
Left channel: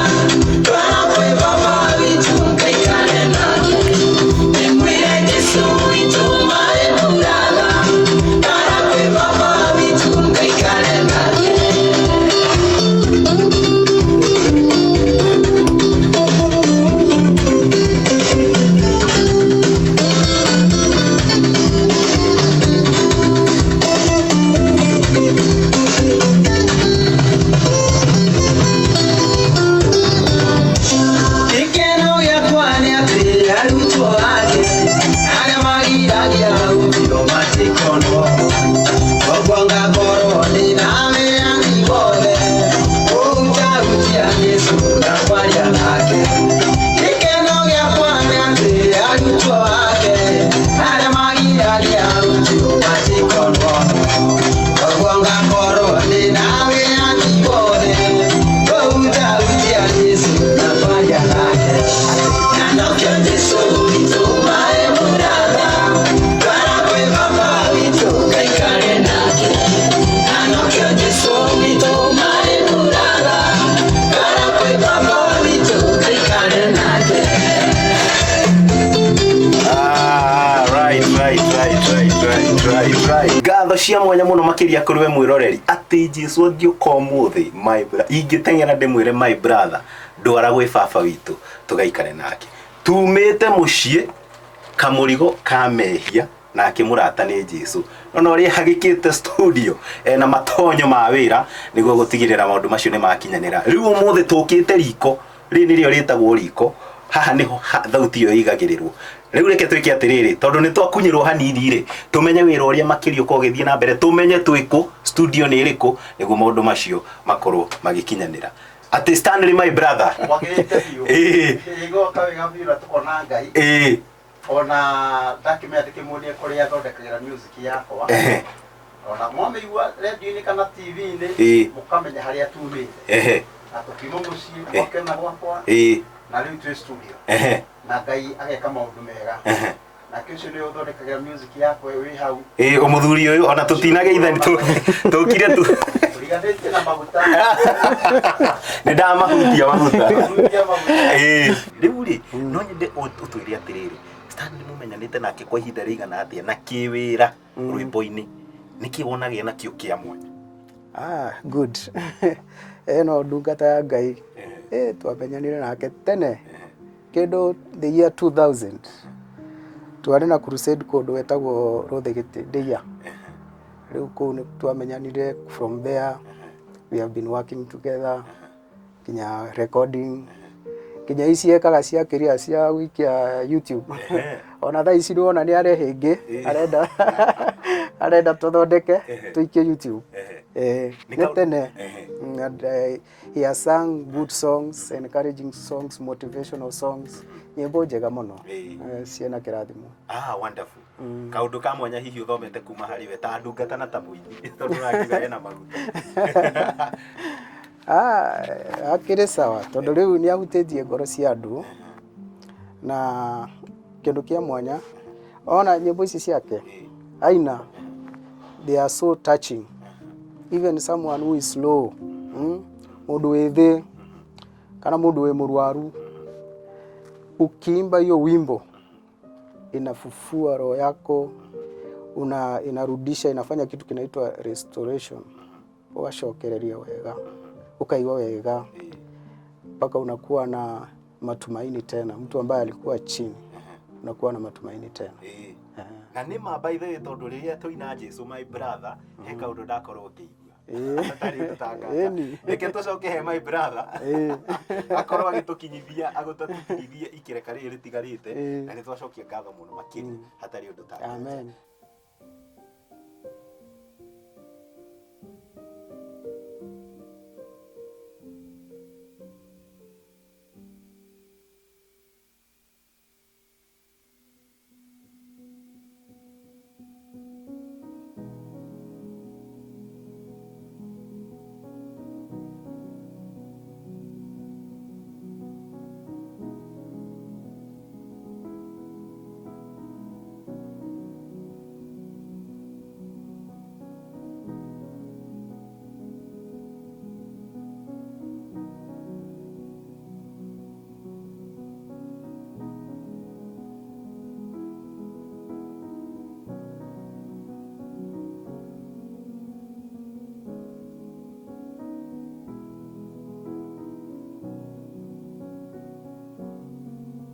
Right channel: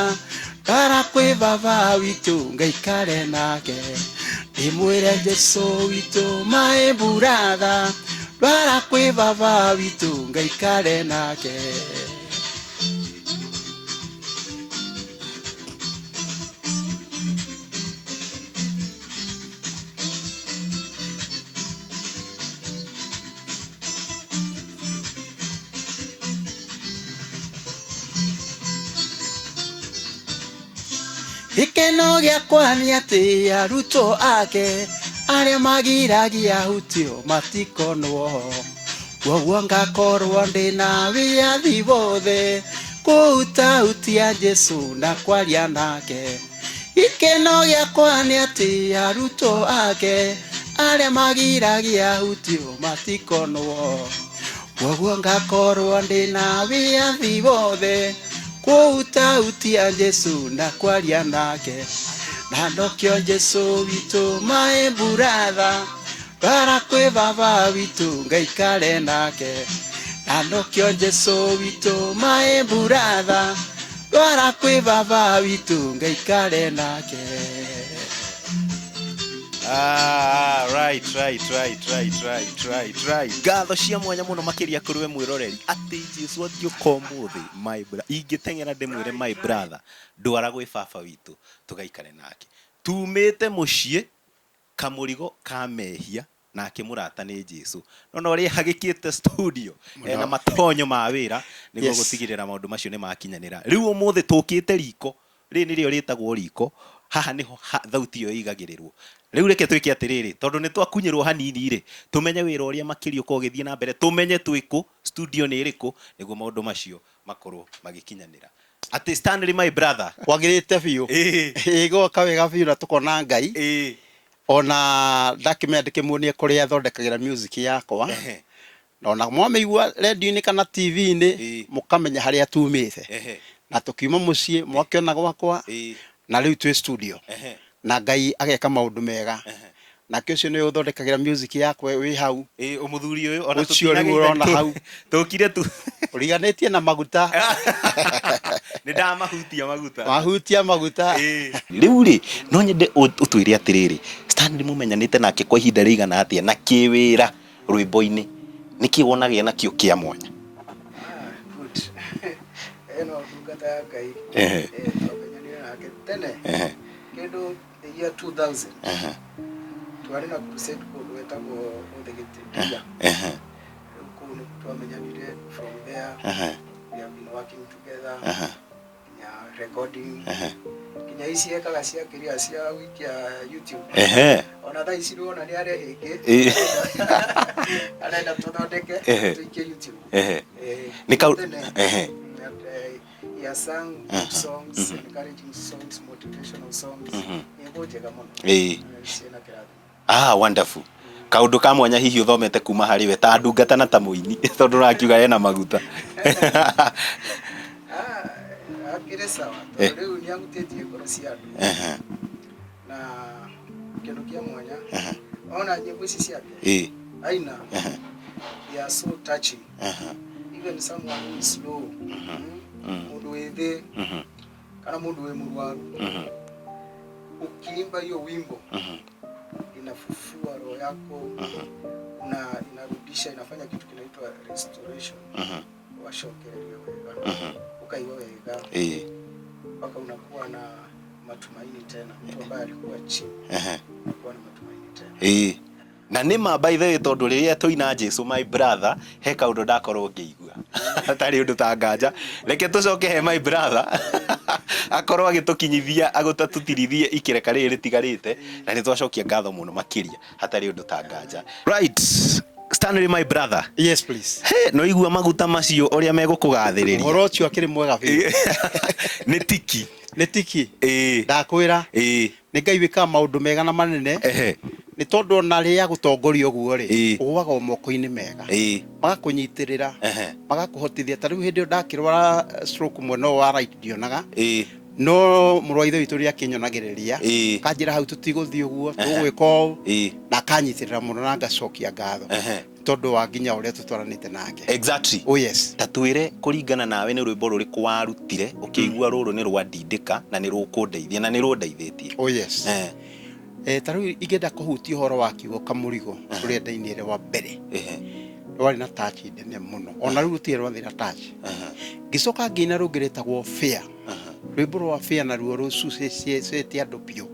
twara kwĩ baba witũ ngaikare nake ndĩmwĩre Jesu witũ my brother twara kwĩ baba witũ ngaikare nake arutwo ake arĩa magiragia utiro matikono koguo ngakorwo ndĩna wĩyathi wothe gũtaũtia Jesu na kwaria nake gĩkeno gĩakwa nĩ atĩ arutwo ake arĩa magiragia utiro matikono koguo ngakorwo ndĩna wĩyathi wothe gũtaũtia Jesu na kwaria nake Anokyo Jesu witũ my brother twara kwĩ baba witũ ngaikare nake Anokyo Jesu witũ my brother twara kwĩ baba witũ ngaikare nake right ngatho cia mwanya mũno makĩria kũrĩ we mwĩroreri atĩ Jesu angĩũka ũmũthĩ my brother ingĩteng'era ndĩmwĩre my brother ndwara gwĩ baba witũ tũgaikare nake tumĩte mũciĩ Kamũrigo kamehia na akĩmũrata nĩ Jesu ona ũrĩa hagĩkĩte studio na matonyo ma wĩra nĩguo gũtigĩrĩra maũndũ macio nĩ makinyanĩra rĩu ũmũthĩ tũkĩte riko rĩ nĩrĩo rĩtagwo riko haha nĩho thauti ĩyo ĩigagĩrĩrwo Riu reke twike atiriri tondu ni twakunyirwo hanini ri tumenye wira uria makiri uko githie na mbere tumenye twiku studio ni iriku niguo maundu macio makorwo magikinyanira ati Stanley my brother wagirite biu igoka wega biu na tukona Ngai ona ndakimendike muonie kuria athondekagira music yakwa ona mwameigua radio-ini kana TV-ini mukamenya haria tumite na tukiuma mucii mwakena gwakwa na riu twi studio na Ngai ageka maundu mega na kesho ni uthondekagira music yakwa wi hau umuthuri uyu ona tutinageitha tukire tu uriganetie na maguta ni ndamahutia maguta riu ri no nyende utwire atiriri Stanley mumenyanite nake kwa ihinda rigana atia na kiwira rwimbo-ini niki wonagia na kio kia mwanya good no ndungata ya Ngai twamenyanire nake tene kindu the year 2000 twari na crusade kundu wetagwo Ruthigitiria riu kuu ni twamenyanire from there we have been working together kinya recording kinya ici ekaga cia kiria cia wikia YouTube ona tha ici ndona ni arehingi arenda tuthondeke tuikie YouTube tene he has sung good songs, encouraging songs, motivational songs nyimbo njega muno ciana kirathimo wonderful kaundu ka mwanya hihi uthomete kuma hari we ta ndungata na ta muini tondu rakiuga ena maguta akire sawa tondu riu ni ahutitie ngoro cia andu na kindu kia mwanya ona nyimbo ici ciake aina they are so touching even someone who is slow mundu withi kana mundu we murwaru ukiimba hiyo wimbo inafufua roho yako inarudisha inafanya kitu kinaitwa restoration washokereria wega ukaigwa wega mpaka unakuwa na matumaini tena mtu ambaye alikuwa chini unakuwa na matumaini tena na nima by the way tondu riria tuina Jesu my brother he kaundu ndakorwo ngiigua atari undu tangaja reke tucoke he my brother akorwo agitukinyithia agutatutirithie ikireka riri ritigarite na ni twacokia ngatho muno makiria hatari undu tangaja right Stanley my brother yes please no igua maguta macio uria megukugathiriria horocio akiri mwega biu ni tiki ndakwira ni Ngai wika maundu mega na manene ni tondu na ria gutongoria guo ri uwaga moko-ini mega magakunyitirira magakuhotithia tariu hindi ndakirwara stroke mweno wa right dionaga no murwaithe witu ria kinyonagiriria kanjira hau tutiguthii uguo tugwiko na kanyitirira muno na ngacokia ngatho tondu wa nginya uria tutwaranite nake exactly yes tatwire kuringana nawe ni rwimbo ruriku warutire ukigua ruru ni rwandindika na ni rukundeithia na ni rundeithitie yes tariu igenda kuhutia horo wa kiugo Kamurigo uria ndainire wa mbere wari na touch nene muno ona riu tie rwathira touch gicoka ngina rungiretagwo fair rwimbo rwa fair na ruo rucucetie andu bio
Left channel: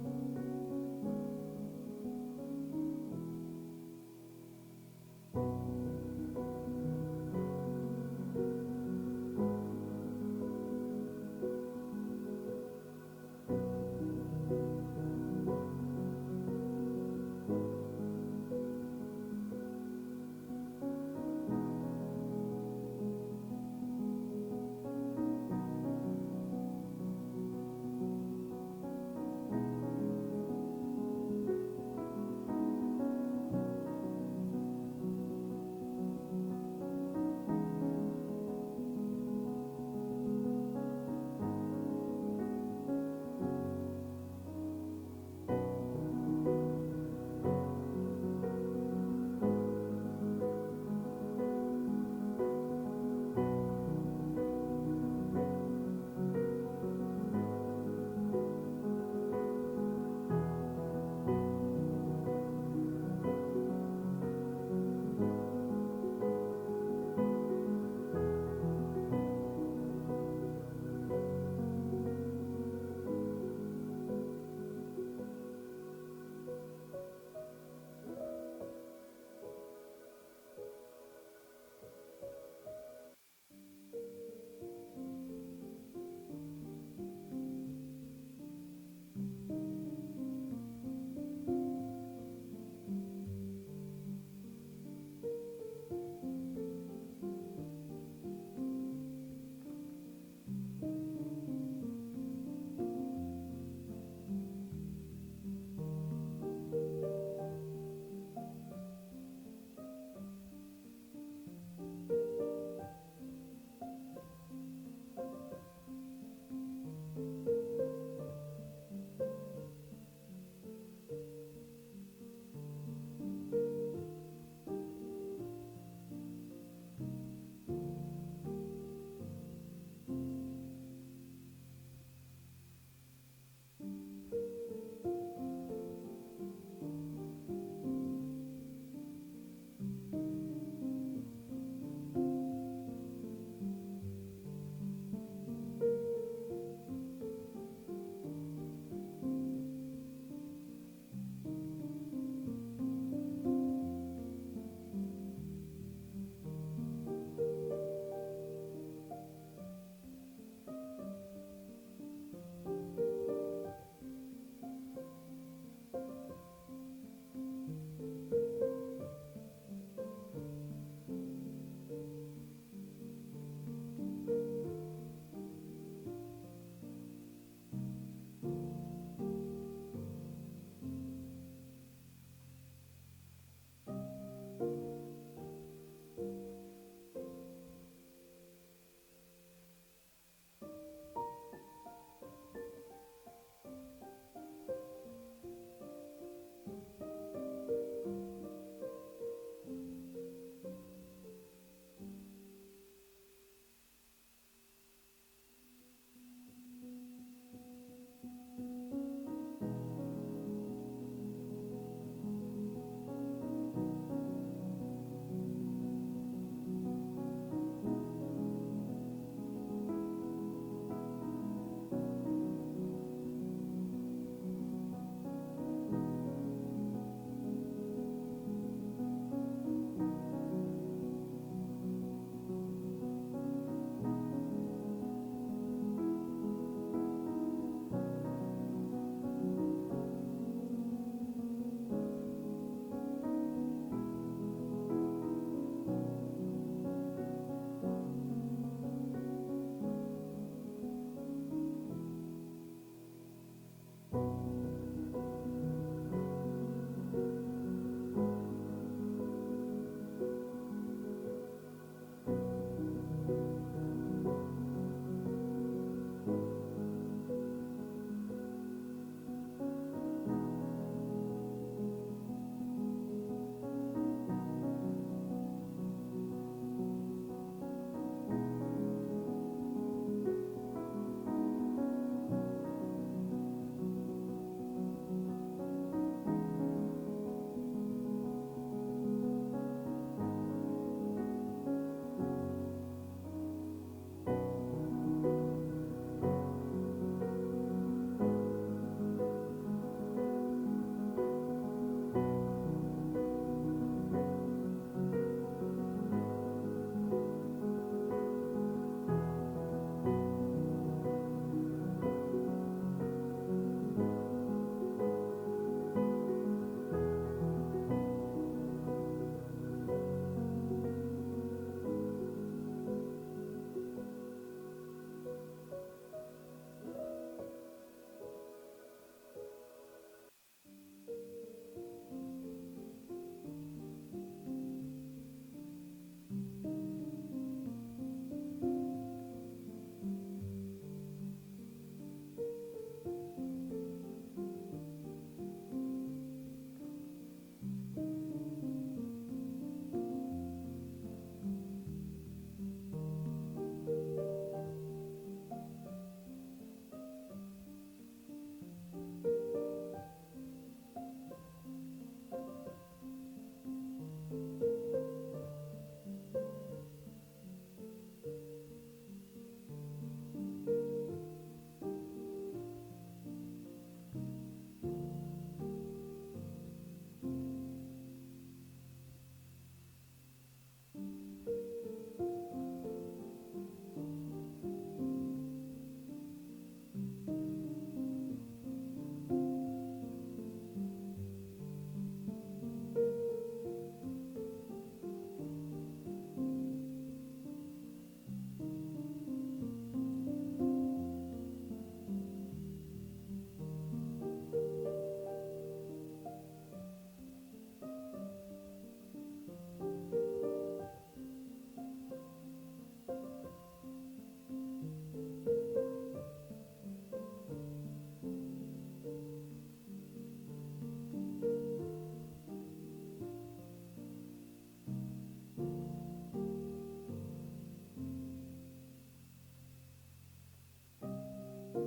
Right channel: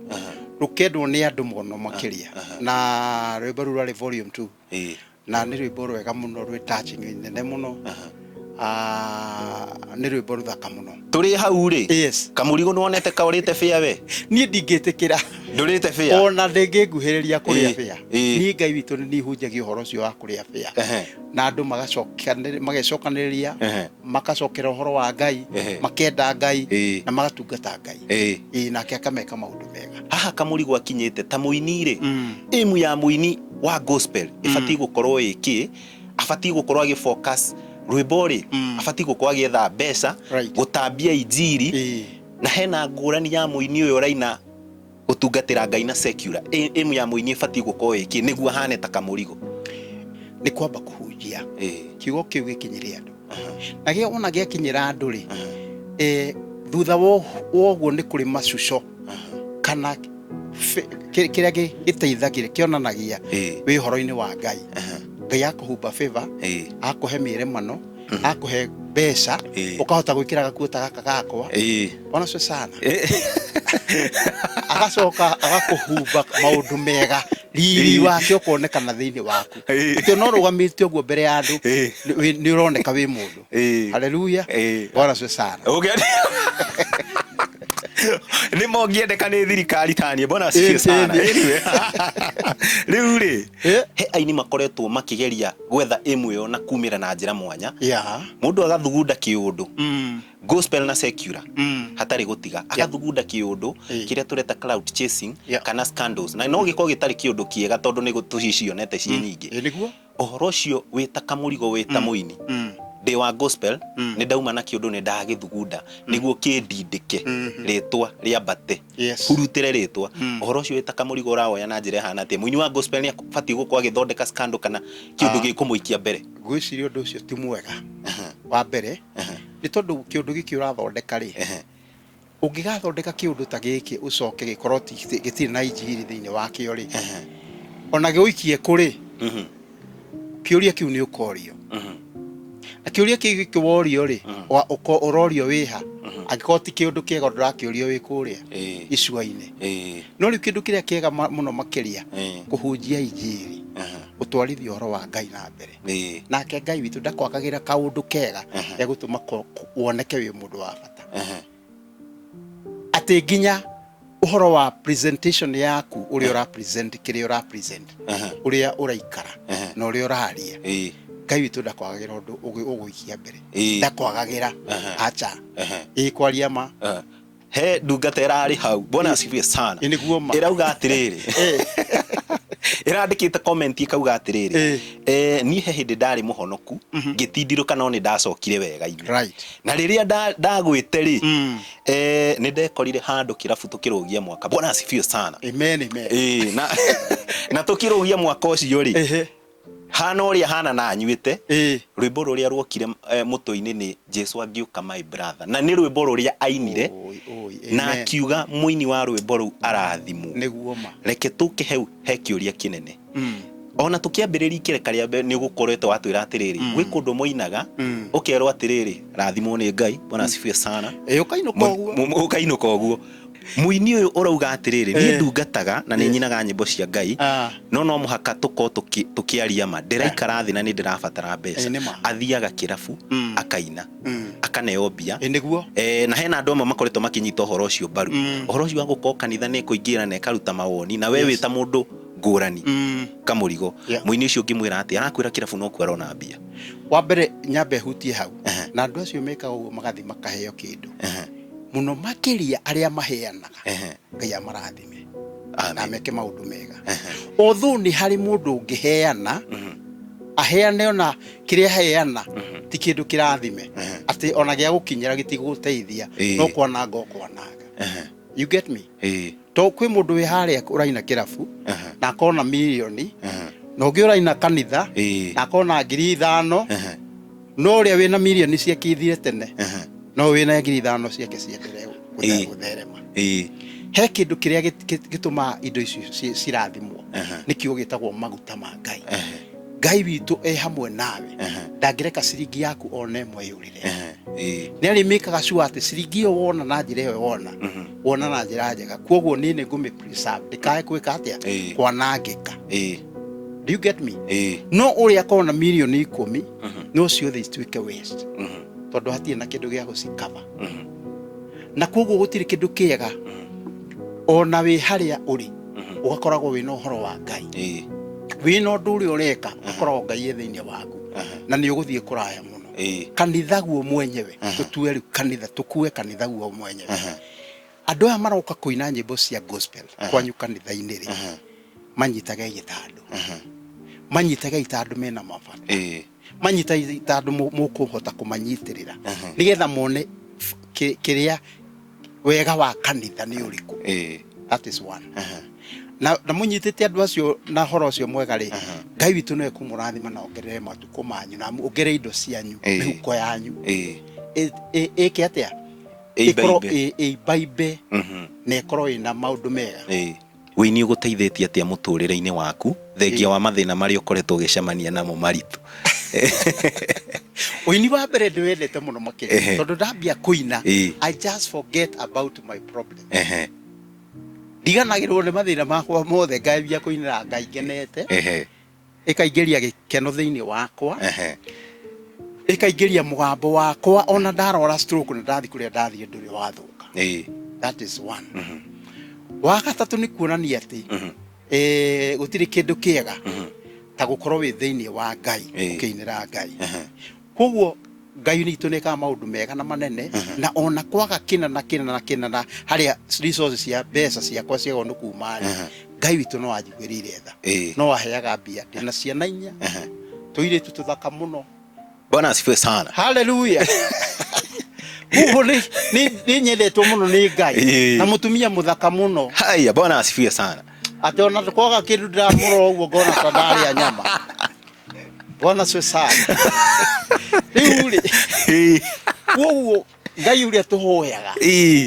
rukendwo ni andu muno makiria na rwimbo rwa volume 2 na ni rwimbo rwega muno rwi touching nene muno ni rwimbo ruthaka muno turi hau ri Kamurigo nuonete kaurite fair we ni ndingitikira ndurite fair ona ndingiguhiriria kuria fair ni Ngai witu ni hunjagia uhoro cio wa kuria fair na andu magacokaniriria makacokera uhoro wa Ngai makenda Ngai na magatungata Ngai nake akameka maundu mega haha Kamurigo akinyite ta muini ri imu ya muini wa gospel ifati gukorwo iki afati gukorwo agi focus rwimbo ri afati gukorwo agietha mbeca gutambia injiri na hena ngurani ya muini uyu raina utungatira Ngai na secular imu ya muini ifati gukorwo iki niguo hane ta Kamurigo ni kwamba kuhunjia kiugo kiu gikinyiria andu na gio ona gikinyira andu ri thutha woguo ni kuri macuco kana kiria giteithagire kionanagia wi horo-ini wa Ngai Ngai akuhumba favor akuhe miremano akuhe mbeca ukahota gwikira gakuota gaka gakwa bona so sana agacoka agakuhumba maundu mega riri wake ukonekana thiini waku ati no rugamite uguo mbere ya andu ni uroneka wi mundu haleluya bona so sana nĩ mongiendeka nĩ thirikari tani mbona asifiwe sana rĩu rĩ he aini makoretwo makigeria gwetha ĩmwe yo na kumĩra na njĩra mwanya mũndũ agathugunda kĩũndũ gospel na secular hatarĩ gũtiga agathugunda kĩũndũ kĩrĩa tũreta cloud chasing kana scandals na no gĩkorwo gĩtarĩ kĩũndũ kĩega tondũ nĩ gũtucicionete ciĩ nyingĩ nĩguo ũhoro ũcio wĩta Kamurigo wĩta mũini ndĩ wa gospel nĩ ndauma na kĩũndũ nĩ ndagĩthugunda nĩguo kĩndindĩke rĩtwa rĩambate hurutĩre rĩtwa ũhoro ũcio wĩta Kamurigo ũrawoya na njĩra hana atĩ mũini wa gospel nĩ abatiĩ gũkorwo agĩthondeka scandal kana kĩũndũ gĩkũmũikia mbere gwĩciria ũndũ ũcio ti mwega wa mbere nĩ tondũ kĩũndũ gĩkĩ ũrathondeka rĩ ũngĩgathondeka kĩũndũ ta gĩkĩ ũcoke gĩkorwo gĩtirĩ na injiri thĩinĩ wa kĩo rĩ ona gĩũikie kũrĩ kĩũria kĩu nĩ ũkorio na kĩũria kĩu kĩworio rĩ ũrorio wĩha angĩkorwo ti kĩũndũ kĩega ndũrakĩũrio wĩ kũrĩa icua-inĩ no rĩu kĩndũ kĩrĩa kĩega mũno makĩria kũhunjia injiri gũtwarithia ũhoro wa Ngai na mbere nake Ngai witũ ndakwagagĩra kaũndũ kega ya gũtũma woneke wĩ mũndũ wa bata atĩ nginya ũhoro wa presentation yaku ũrĩa ũrapresent kĩrĩa ũrapresent ũrĩa ũraikara na ũrĩa ũraria Ngai witũ ndakwagagĩra ũndũ ũgũikia mbere ndakwagagĩra acha kwaria ma he ndungata ĩrarĩ hau bona asifiwe sana ĩrauga atĩrĩrĩ ĩrandĩkĩte comment ikauga atĩrĩrĩ niĩ he hĩndĩ ndarĩ mũhonoku ngĩtindirũka no nĩ ndacokire wega-inĩ na rĩrĩa ndagwĩte rĩ nĩ ndekorire handũ kĩrabu tũkĩrũgia mwaka bona asifiwe sana amen na tũkĩrũgia mwaka ũcio rĩ hana ũrĩa hana na nyuĩte rwĩmbo rũrĩa ruokire mũtwe-inĩ nĩ Jesu angĩũka my brother na nĩ rwĩmbo rũrĩa ainire na akiuga mũini wa rwĩmbo rũu arathimwo nĩguo ma reke tũke hau he kĩũria kĩnene ona tũkĩambĩrĩria ikĩreka rĩa nĩ ũgũkoretwo watwĩra atĩrĩrĩ gwĩ kũndũ moinaga ũkerwo atĩrĩrĩ rathimwo nĩ Ngai bona asifiwe sana ũkainũka ũguo mũini ũyũ ũrauga atĩrĩrĩ niĩ ndungataga na nĩ nyinaga nyĩmbo cia Ngai no mũhaka tũkorwo tũkĩaria ma ndĩraikara thĩ na nĩ ndĩrabatara mbeca athiaga kĩrabu akaina akaneo mbia na hena andũ amwe makoretwo makĩnyita ũhoro ũcio mbaru ũhoro ũcio wa gũkorwo kanitha nĩ kũingĩra na ĩkaruta mawoni na we wĩta mũndũ ngũrani Kamurigo mũini ũcio ngĩmwĩra atĩ arakwĩra kĩrabu no kwara na mbia wa mbere nyambe hutie hau na andũ acio mekaga ũguo magathi makaheo kĩndũ muno makĩria arĩa maheanaga Ngai amarathime na meke maũndũ mega although nĩ harĩ mũndũ ũngĩheana aheane ona kĩrĩa heana ti kĩndũ kĩrathime atĩ ona gĩa gũkinyĩra gĩtigũteithia no kwananga okwananga you get me to kwĩ mũndũ wĩ harĩa ũraina kĩrabu na akona milioni na ũngĩ ũraina kanitha na akona 5,000 no ũrĩa wĩna milioni ciakithire tene no wĩna 5,000 ciake ciendelee gũtherema he kĩndũ kĩrĩa gĩtũma indo icio cirathimwo nĩkĩo gĩtagwo maguta ma Ngai Ngai witũ hamwe nawe ndangĩreka ciringi yaku ona ĩmwe yũrĩre nĩ arĩ mekaga sure atĩ ciringi ĩyo wona na njĩra ĩyo wona na njĩra njega kwoguo nĩ ngũmĩ preserve ndikae gwĩka atĩa kwanangĩka do you get me no ũrĩa akona milioni 10 no ciothe ituĩke waste tondũ hatirĩ na kĩndũ gĩa gũcikaba na kwoguo gũtirĩ kĩndũ kĩega ona wĩ harĩa ũrĩ ũgakoragwo wĩna ũhoro wa Ngai wĩna ũndũ ũrĩa ũreka ũkoragwo Ngai thĩinĩ waku na nĩ ũgũthiĩ kũraya mũno kanitha guo mwenyewe tũtue rĩu kanitha tũkue kanitha guo mwenyewe andũ aya maroka kũina nyĩmbo cia gospel kwanyu kanitha-inĩ rĩ manyitage itandũ mena mabata manyita itandũ mũkũhota kũmanyitĩrĩra nĩgetha mone kĩrĩa wega wa kanitha nĩ ũrĩkũ that is one na mũnyitĩte andũ acio na horo ũcio mwega rĩ Ngai witũ no ekũmũrathima na ongerere matukũ manyu na ongerere indo cianyu mĩhuko yanyu ĩke atĩa ĩkorwo ĩimbaimbe na ĩkorwo ĩna maũndũ mega wĩini ũgũteithĩtie atĩa mũtũrĩre-inĩ waku thengia wa mathĩna marĩa ũkoretwo ũgĩcemania namo maritũ ũini wa mbere ndĩwendete mũno makĩria tondũ ndambia kũina I just forget about my problem ndiganagĩrwo nĩ mathĩna makwa mothe ngambia kũinĩra Ngai ngenete ĩkaingĩria gĩkeno thĩinĩ wakwa ĩkaingĩria mũgambo wakwa ona ndarwara stroke na ndathi kũrĩa ndathiĩ ndũrĩ wathũka That is one. Wa gatatu ni kuonania ati gutiri kindu kiega ta gukorwo wi thiini wa Ngai ukiinira Ngai. Koguo Ngai ni ituneka maundu mega na manene na ona kwaga kina haria resources cia mbeca ciakwa ciagwo ni kuma Ngai witu no ajigwirire tha no aheaga mbia na ciana inya tuiritu tuthaka muno. Bwana asifiwe sana. Hallelujah. Huo ni nyendetwo muno ni Ngai na mutumia muthaka muno. Haya, Bwana asifiwe sana. Ate ona kwaga kindu ndiramuro uguo ngona tandari ya nyama. Bwana asifiwe sana. Riuri. Huo Ngai uria tuhoyaga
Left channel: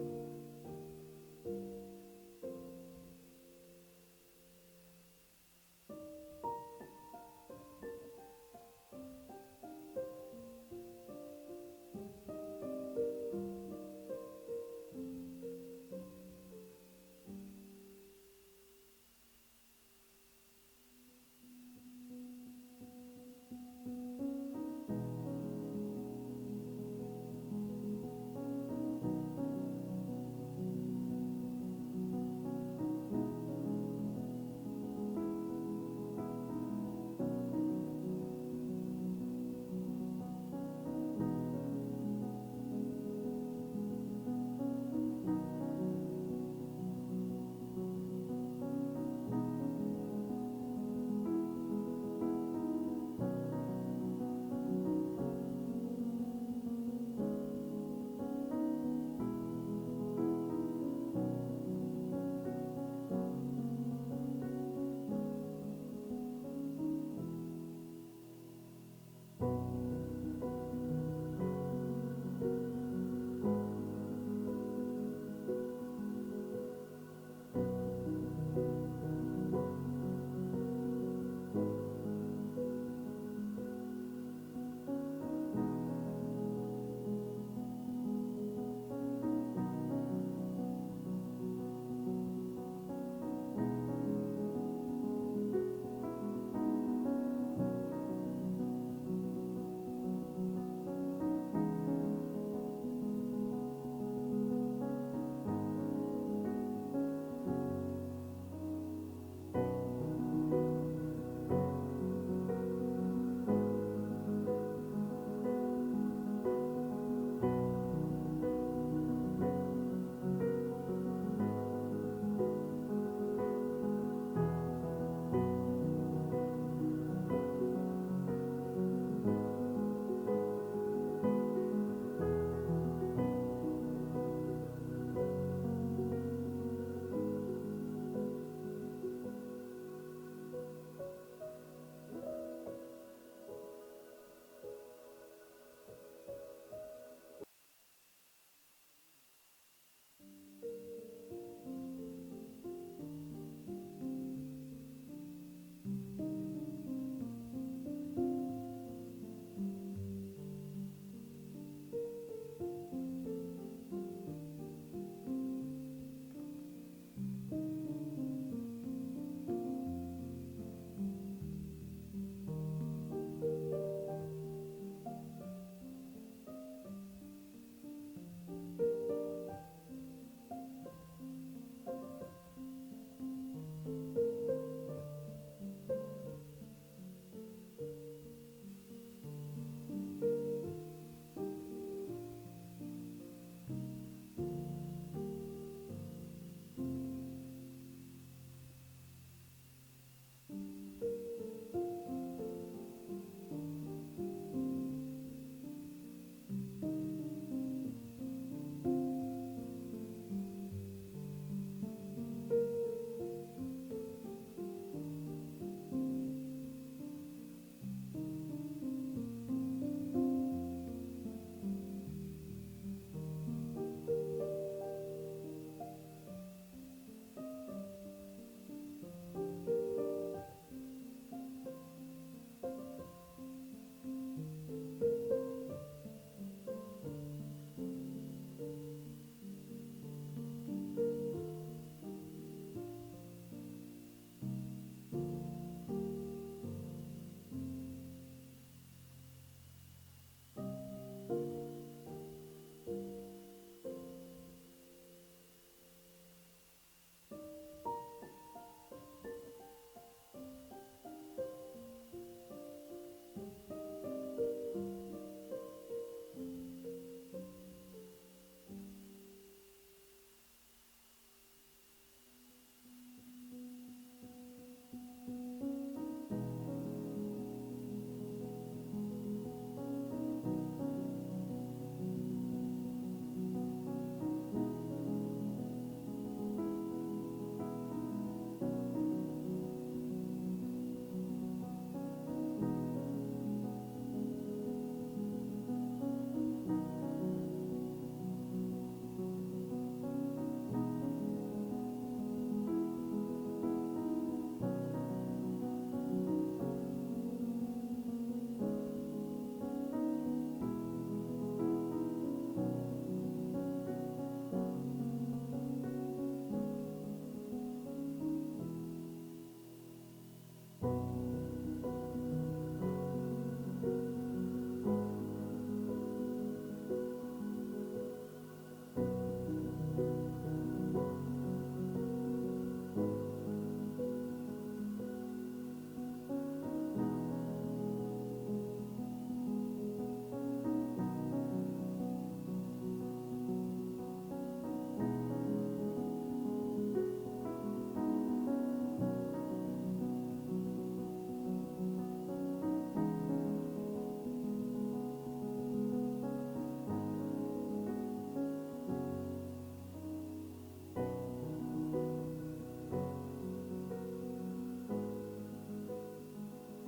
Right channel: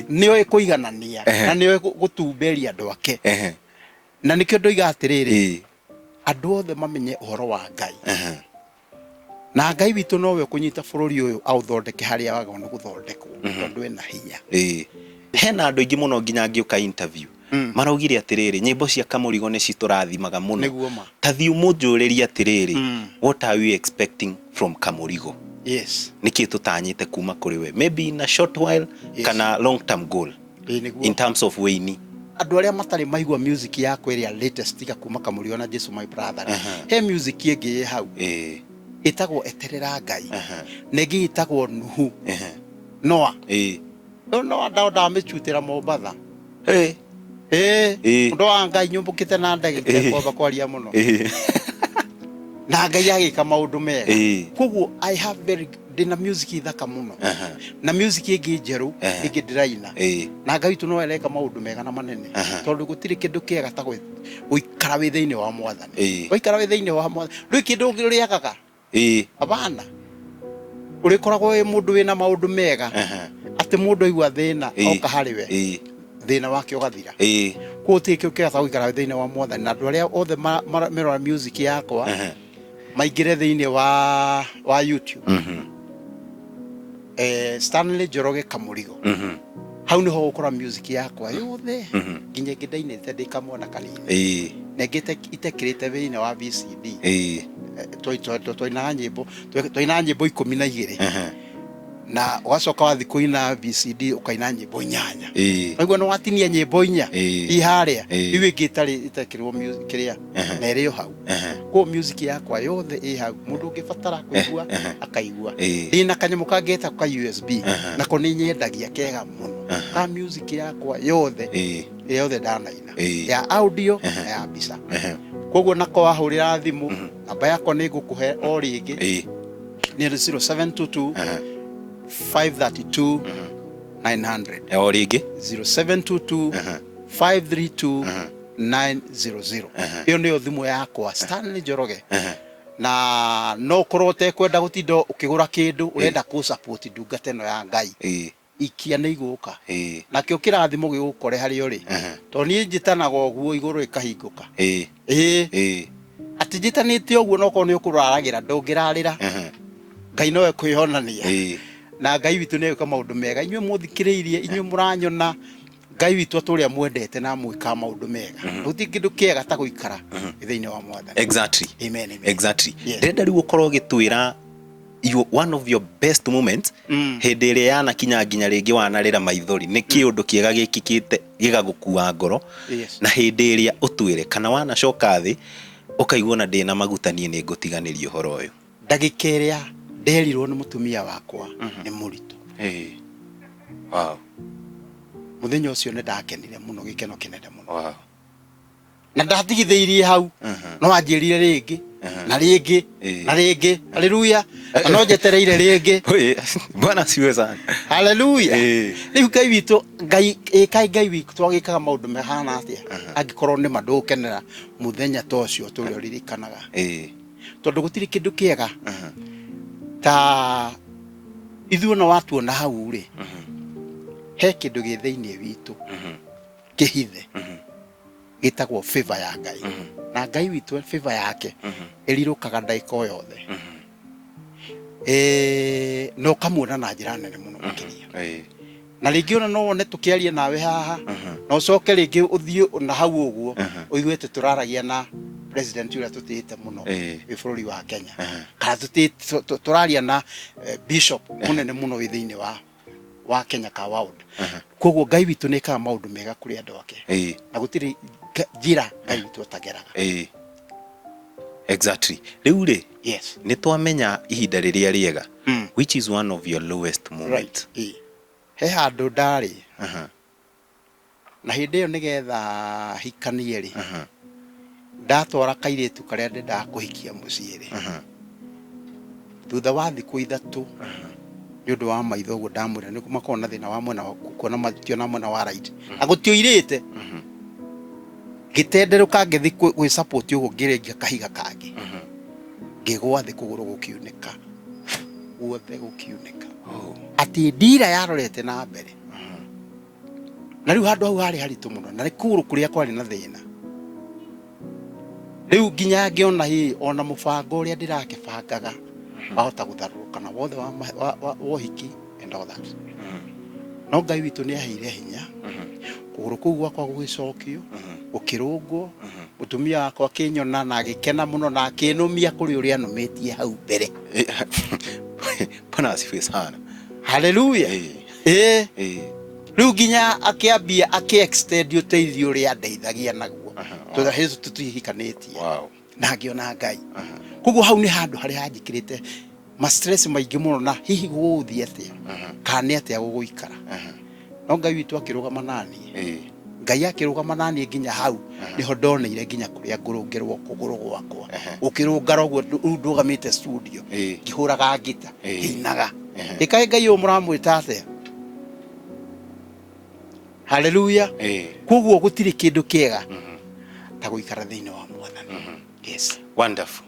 niwe kuiganania na niwe gutumberia andu ake. Na nikio ndoiga atiriri andu othe mamenye uhoro wa Ngai. Na Ngai witu nowe kunyita bururi uyu authondeke haria wagwo ni guthondekwo tondu ena hinya. Hena andu ingi muno nginya ngiuka interview maraugire atiriri nyimbo cia Kamurigo ni citurathimaga muno. Ta thiu munjuriria atiriri what are we expecting from Kamurigo? Yes. Niki tutanyite kuma kuri we maybe in a short while kana long term goal in terms of weini. Andu aria matari maigua music yakwa iria latest tiga kuma Kamurigo na Jesus my brother. He music ingi hau itagwo eterera Ngai negi itagwo Nuhu Noa Noa nda mechutira Mombasa ndo wa Ngai nyumbukite na ndege kwamba kwaria muno na Ngai agika maundu mega. Koguo I have very dina music ithaka muno na music ingi njeru ingi ndiraina na Ngai tu no eleka maundu mega na manene tondu gutiri kindu kiega ta guikara wi thiini wa Mwathani. Guikara wi thiini wa Mwathani ndui kindu ngiriagaga abana uri koragwo wi mundu wina maundu mega ati mundu igwa thina oka hariwe thina wake ugathira ko tike ukega guikara thina wa Mwathani na andu aria othe mirora music yakwa maingire thiini wa YouTube Stanley Njoroge Kamurigo hau niho gukora music yakwa yothe nginya ngindainite ndikamwana kanini negite itekirite thiini wa VCD twaina nyimbo 12 na wacoka wathi kuina VCD ukaina nyimbo 8 aigua no watinia nyimbo 4 iharia iwe gitari itekirwo music kiria na irio hau ko music yakwa yothe i hau mundu ungibatara kuigua akaigua ina kanyamu kangeta ka USB na ko ni nyendagia kega muno ka music yakwa yothe ndanaina ya audio na ya mbica. Koguo nako wahurira thimu namba yakwa ni ngukuhe o ringi ni 0722 532 900 o ringi 0722 532 900. Iyo niyo thimu yakwa Stanley Njoroge. Na no korote kwenda gutindo ukigura kindu urenda ku support ndungata ino ya Ngai ikia ni iguka na kio kirathimo gigukore hari uri to ni njitanaga oguo iguru ikahinguka ati njitanite oguo no ko ni ukuraragira ndungirarira Ngai nowe kwihonania na Ngai witu ni eka maundu mega inywe muthikiriirie inywe muranyona Ngai witu aturia mwendete na mwika maundu mega guti kindu kiega ta guikara thiini wa Mwathani. Exactly. Amen. Exactly. Ndenda riu ukorwo gitwira one of your best moments hindi iria yana kinya nginya ringi wanarira maithori ni kiundu kiega gikikite gigagukua ngoro na hindi iria utwire kana wanacoka thi ukaigua na ndina magutanie ni ngutiganirio horo uyu ndagika iria nderirwo ni mutumia wakwa ni muritu. Wow. Muthenya ucio ni ndakenire muno gikeno kinene muno. Wow. Na ndatigitheirie hau no anjirire ringi na ringi na ringi. Haleluya. No njetereire ringi. Bwana siwe sana. Haleluya. Riu Ngai witu Ngai witu twagikaga maundu mehana atia angikorwo ni mandukenera muthenya tocio turi ririkanaga tondu gutiri kindu kiega ta ithuona watu na hau ri he kindu gi thiini witu kihithe gitagwo favor ya Ngai na Ngai witu favor yake irirukaga ndaika yothe no kamuona na njira nene muno makiria na ringi ona no wone tukiaria nawe haha no coke ringi uthie na hau uguo uiguite turaragia na president uria tutite muno wi bururi wa Kenya kana turaria na bishop munene muno wi thiini wa Kenya ka world koguo Ngai witũ nĩ ekaga maũndũ mega kũrĩ andũ ake na gũtirĩ njĩra Ngai witũ atageraga exactly rĩu rĩ yes nĩ twamenya ihinda rĩrĩa rĩega which is one of your lowest moments he handũ ndarĩ na hĩndĩ ĩyo nĩgetha hikanie rĩ ndatwara kairĩtu karĩa ndendaga kũhikia mũciĩ rĩ thutha wa thikũ ithatũ nĩ ũndũ wa maitho ũguo ndamwĩra nĩ makorwo na thĩna wa mwena wa kuona mationa mwena wa right agũtioirĩte gĩtenderũka ngĩthi gwĩ support ũguo ngĩrengia kahiga kangĩ ngĩgwa thĩ kũgũrũ gũkiunĩka guothe gũkiunĩka atĩ ndira yarorete na mbere na rĩu handũ hau harĩ haritũ mũno na kũgũrũ kũrĩa kwarĩ na thĩna rĩu nginya ngĩona ona mũbango ũrĩa ndĩrakĩbangaga wahota gũtharũrũka na wothe wa ũhiki and all that no Ngai witũ nĩ aheire hinya kũgũrũ kũu gwakwa gũgĩcokio gũkĩrũngwo mũtumia wakwa akĩnyona na agĩkena mũno na akĩnũmia kũrĩ ũrĩa anũmĩtie hau mbere Bwana asifiwe sana haleluya rĩu nginya akĩambia akĩ-extend ũteithio ũrĩa andeithagia naguo tondũ Yesu tũtihikanĩtie na ngĩona Ngai koguo hau nĩ handũ harĩa hanjĩkĩrĩte ma stress maingĩ mũno na hihi gũgũthiĩ atĩa kana nĩ atĩa gũgũikara no Ngai witũ akĩrũgama naniĩ Ngai akĩrũgama naniĩ nginya hau nĩho ndonire nginya kũrĩa ngũrũngĩrwo kũgũrũ gwakwa ũkĩrũngara ũguo rĩu ndũgamĩte studio ngĩhũraga ngita ngĩinaga ĩkaĩ Ngai ũyũ mũramwĩta atĩa haleluya koguo gũtirĩ kĩndũ kĩega ta gũikara thĩinĩ wa Mwathani yes wonderful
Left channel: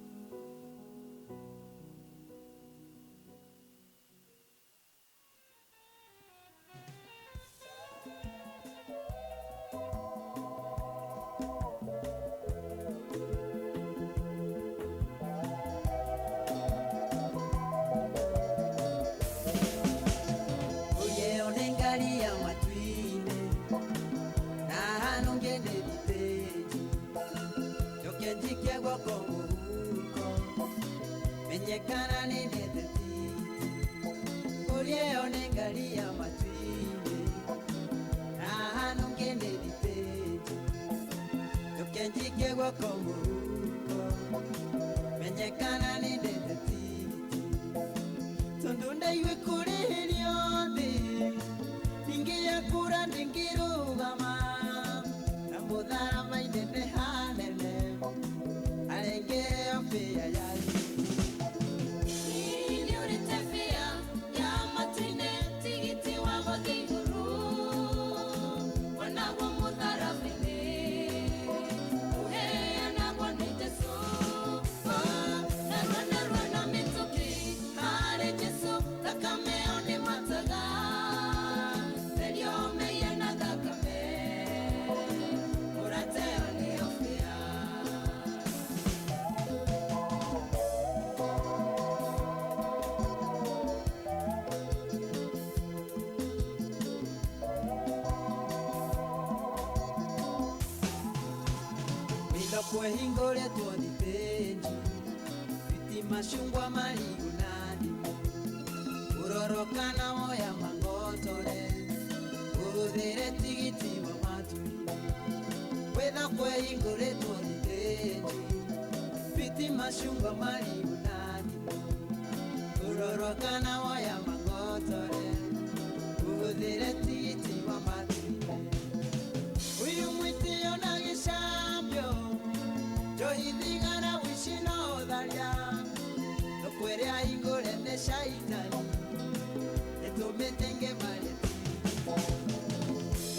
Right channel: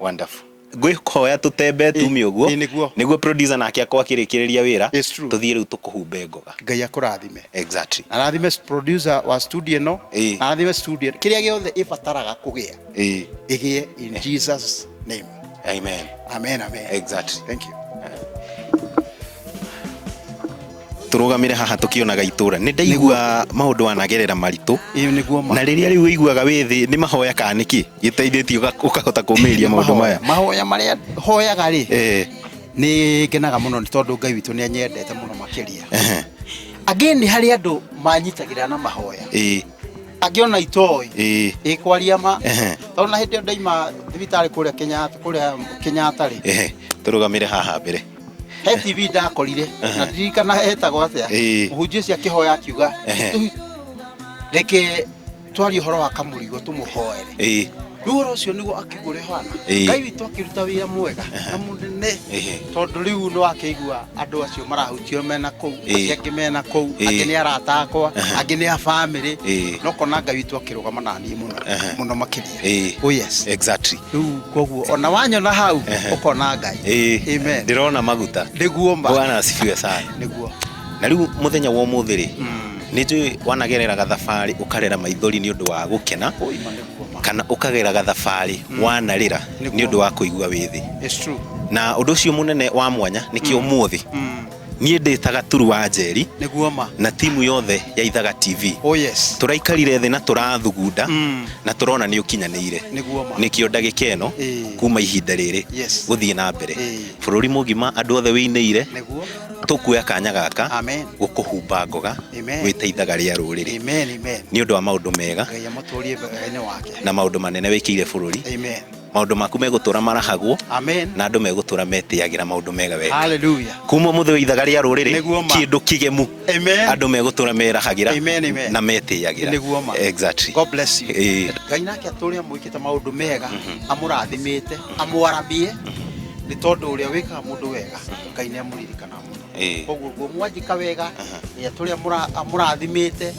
wonderful ngwĩhoya tũtembe tumi ũguo nĩguo producer nake akwa akĩrĩkĩrĩria wĩra tũthiĩ rĩu tũkũhumbe ngoga Ngai akũrathime exactly na rathime producer wa studio no na rathime studio kĩrĩa gĩothe ĩbataraga kũgĩa ĩgĩe in Jesus name amen amen amen exactly thank you turugamire haha tukionaga itura ni ndaigua maundu wanagerera maritu na riria riu iguaga withi ni mahoya kaniki giteithĩtie ukahota kumiria maundu maya mahoya maria hoyaga ri ni ngenaga muno ni tondu Ngai witũ ni anyendete muno makiria again hari andu manyitagira na mahoya akiona itoi ikwaria ma tona hindi ndaima thibitari kuria Kenyatta ri turugamire haha mbere he TV ndakorire na ndirikana hetagwo atĩa mũhunjia cia kĩhoya akiuga reke twarie ũhoro wa Kamurigo tũmũhoere rĩu ũhoro ũcio nĩguo akĩgũre hana Ngai witũ akĩruta wĩra mwega na mũnene tondũ rĩu no akĩigua andũ acio marahutio mena kũu angĩ mena kũu angĩ nĩ arata akwa angĩ nĩ a family no kona Ngai witũ akĩrũgama na niĩ mũno makĩria oh yes exactly rĩu koguo ona wanyona hau ũkona Ngai amen ndirona maguta nĩguo Bwana asifiwe sana nĩguo na rĩu mũthenya wa ũmũthĩ rĩ nĩ njũĩ wanagerera gathabarĩ ũkarera maithori nĩ ũndũ wa gũkena kana ukagera gathabarĩ wanarĩra nĩ ũndũ wa kũigua wĩthĩ it's true na ũndũ ũcio mũnene wa mwanya nĩkĩo ũmũthĩ niĩ ndĩtaga Turu wa Njeri nĩguo ma na timu yothe ya Ithaga TV oh yes turaikarire thĩ na tũrathugunda na turona nĩ ũkinyanĩire nĩkĩo ndagĩka ĩno kuma ihinda rĩrĩ gũthiĩ na mbere bũrũri mũgima andũ othe wĩinĩire tukuoya kanya gaka gũkũhumba ngoga gwĩta Ithaga rĩa Rũrĩrĩ nĩ ũndũ wa maũndũ mega na maũndũ manene wĩkĩire bũrũri maũndũ maku megũtũra marahagwo na andũ megũtũra metĩagĩra maũndũ mega wega hallelujah kuma mũthĩ wa Ithaga rĩa Rũrĩrĩ kĩndũ kĩgemu andũ megũtũra merahagĩra na metĩagĩra exactly God bless you Ngai nake atũrĩa mwĩkĩte maũndũ mega amũrathimĩte amwaramie nĩ tondũ ũrĩa wĩkaga mũndũ wega Ngai nĩ amũririkana koguo mwanjika wega nĩ atũrĩa amũrathimĩte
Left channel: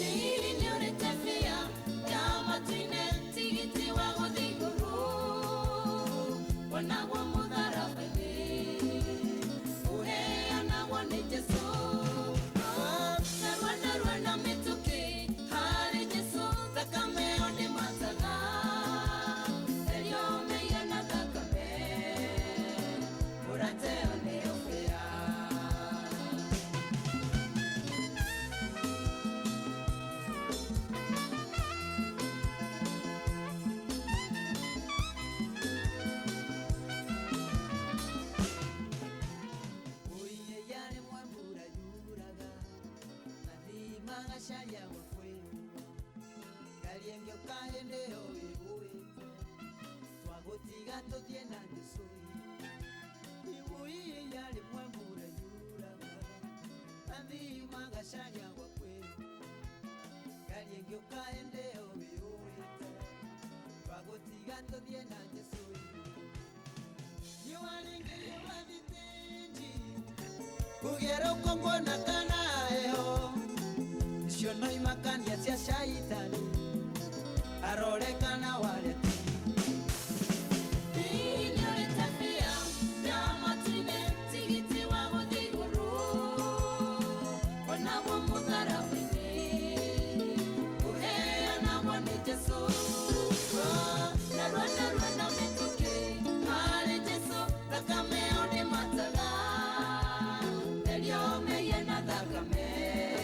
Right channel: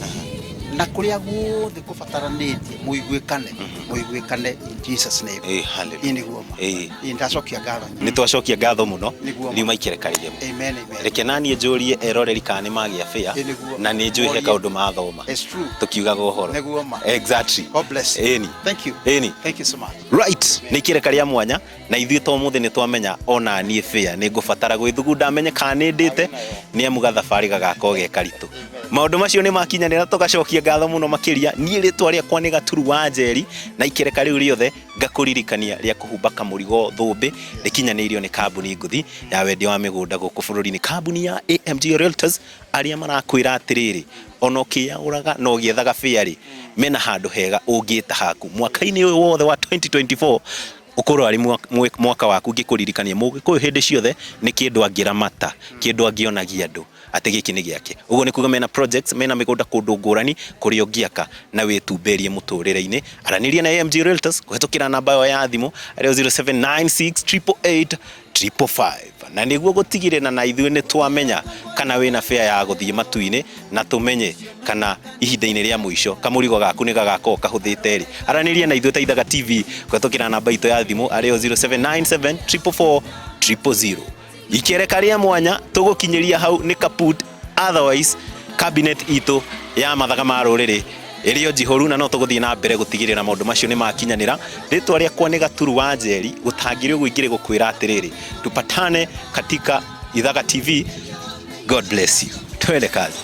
na kuria guothe kubataranĩtie mũiguĩkane Jesus name hallelujah ndacokia ngatho nĩ twacokia ngatho mũno nĩ maikĩrekanire amen reke naniĩ njũrie eroreri kana nĩ magĩa fĩa na nĩ njũĩ he kaũndũ mathoma tukiugaga ũhoro exactly God bless you thank you so much right nĩ ikĩreka rĩa mwanya na ithuĩ to mũthĩ nĩ twamenya ona niĩ fĩa nĩ ngũbatara gwĩthugunda amenye kana nĩ ndĩte nĩ amu gathabarĩ gagakorwo ge karitũ maundu macio ni makinyanira tugacokia ngatho muno makiria nie ritwa riakwa ni Gaturu wa Njeri na ikereka riu riothe ngakuririkania ria kuhumba Kamurigo thumbi rikinyanirio ni kambuni nguthi ya wendia wa migunda guku bururi-ini kambuni ya AMG Realtors aria marakwira atiriri onokia uraga no giethaga fiari mena handu hega ungita haku mwaka-ini uyu wothe wa 2024 ukorwo ari mwaka waku ngikuririkania mugikuyu hindi ciothe ni kindu angiramata kindu angionagia andu ati giki ni giake uguo ni kuga mena projects mena migunda kundu ngurani kurio ngiaka na witumberie muturire-ini araniria na AMG Realtors kuhetukira namba yo ya thimu ari 0796888555 na niguo gutigirira na ithuĩ ni twamenya kana wina fair ya guthie matu-ini na tumenye kana ihinda-ini ria muico Kamurigo gaku ni gagakorwo kahuthite ri araniria na ithuĩ ta Ithaga TV kuhetukira namba itu ya thimu ari 0797444000 ikereka ria mwanya tugukinyiria hau ni kaput otherwise cabinet itu ya Mathaga Ma Rũrĩrĩ irio jihoru na no tuguthie na mbere gutigirira maundu macio ni makinyanira ritwa riakwa ni Gaturu wa Njeri gutangire gwingire gukwira atiriri tupatane katika Ithaga TV. God bless you. Twende kazi.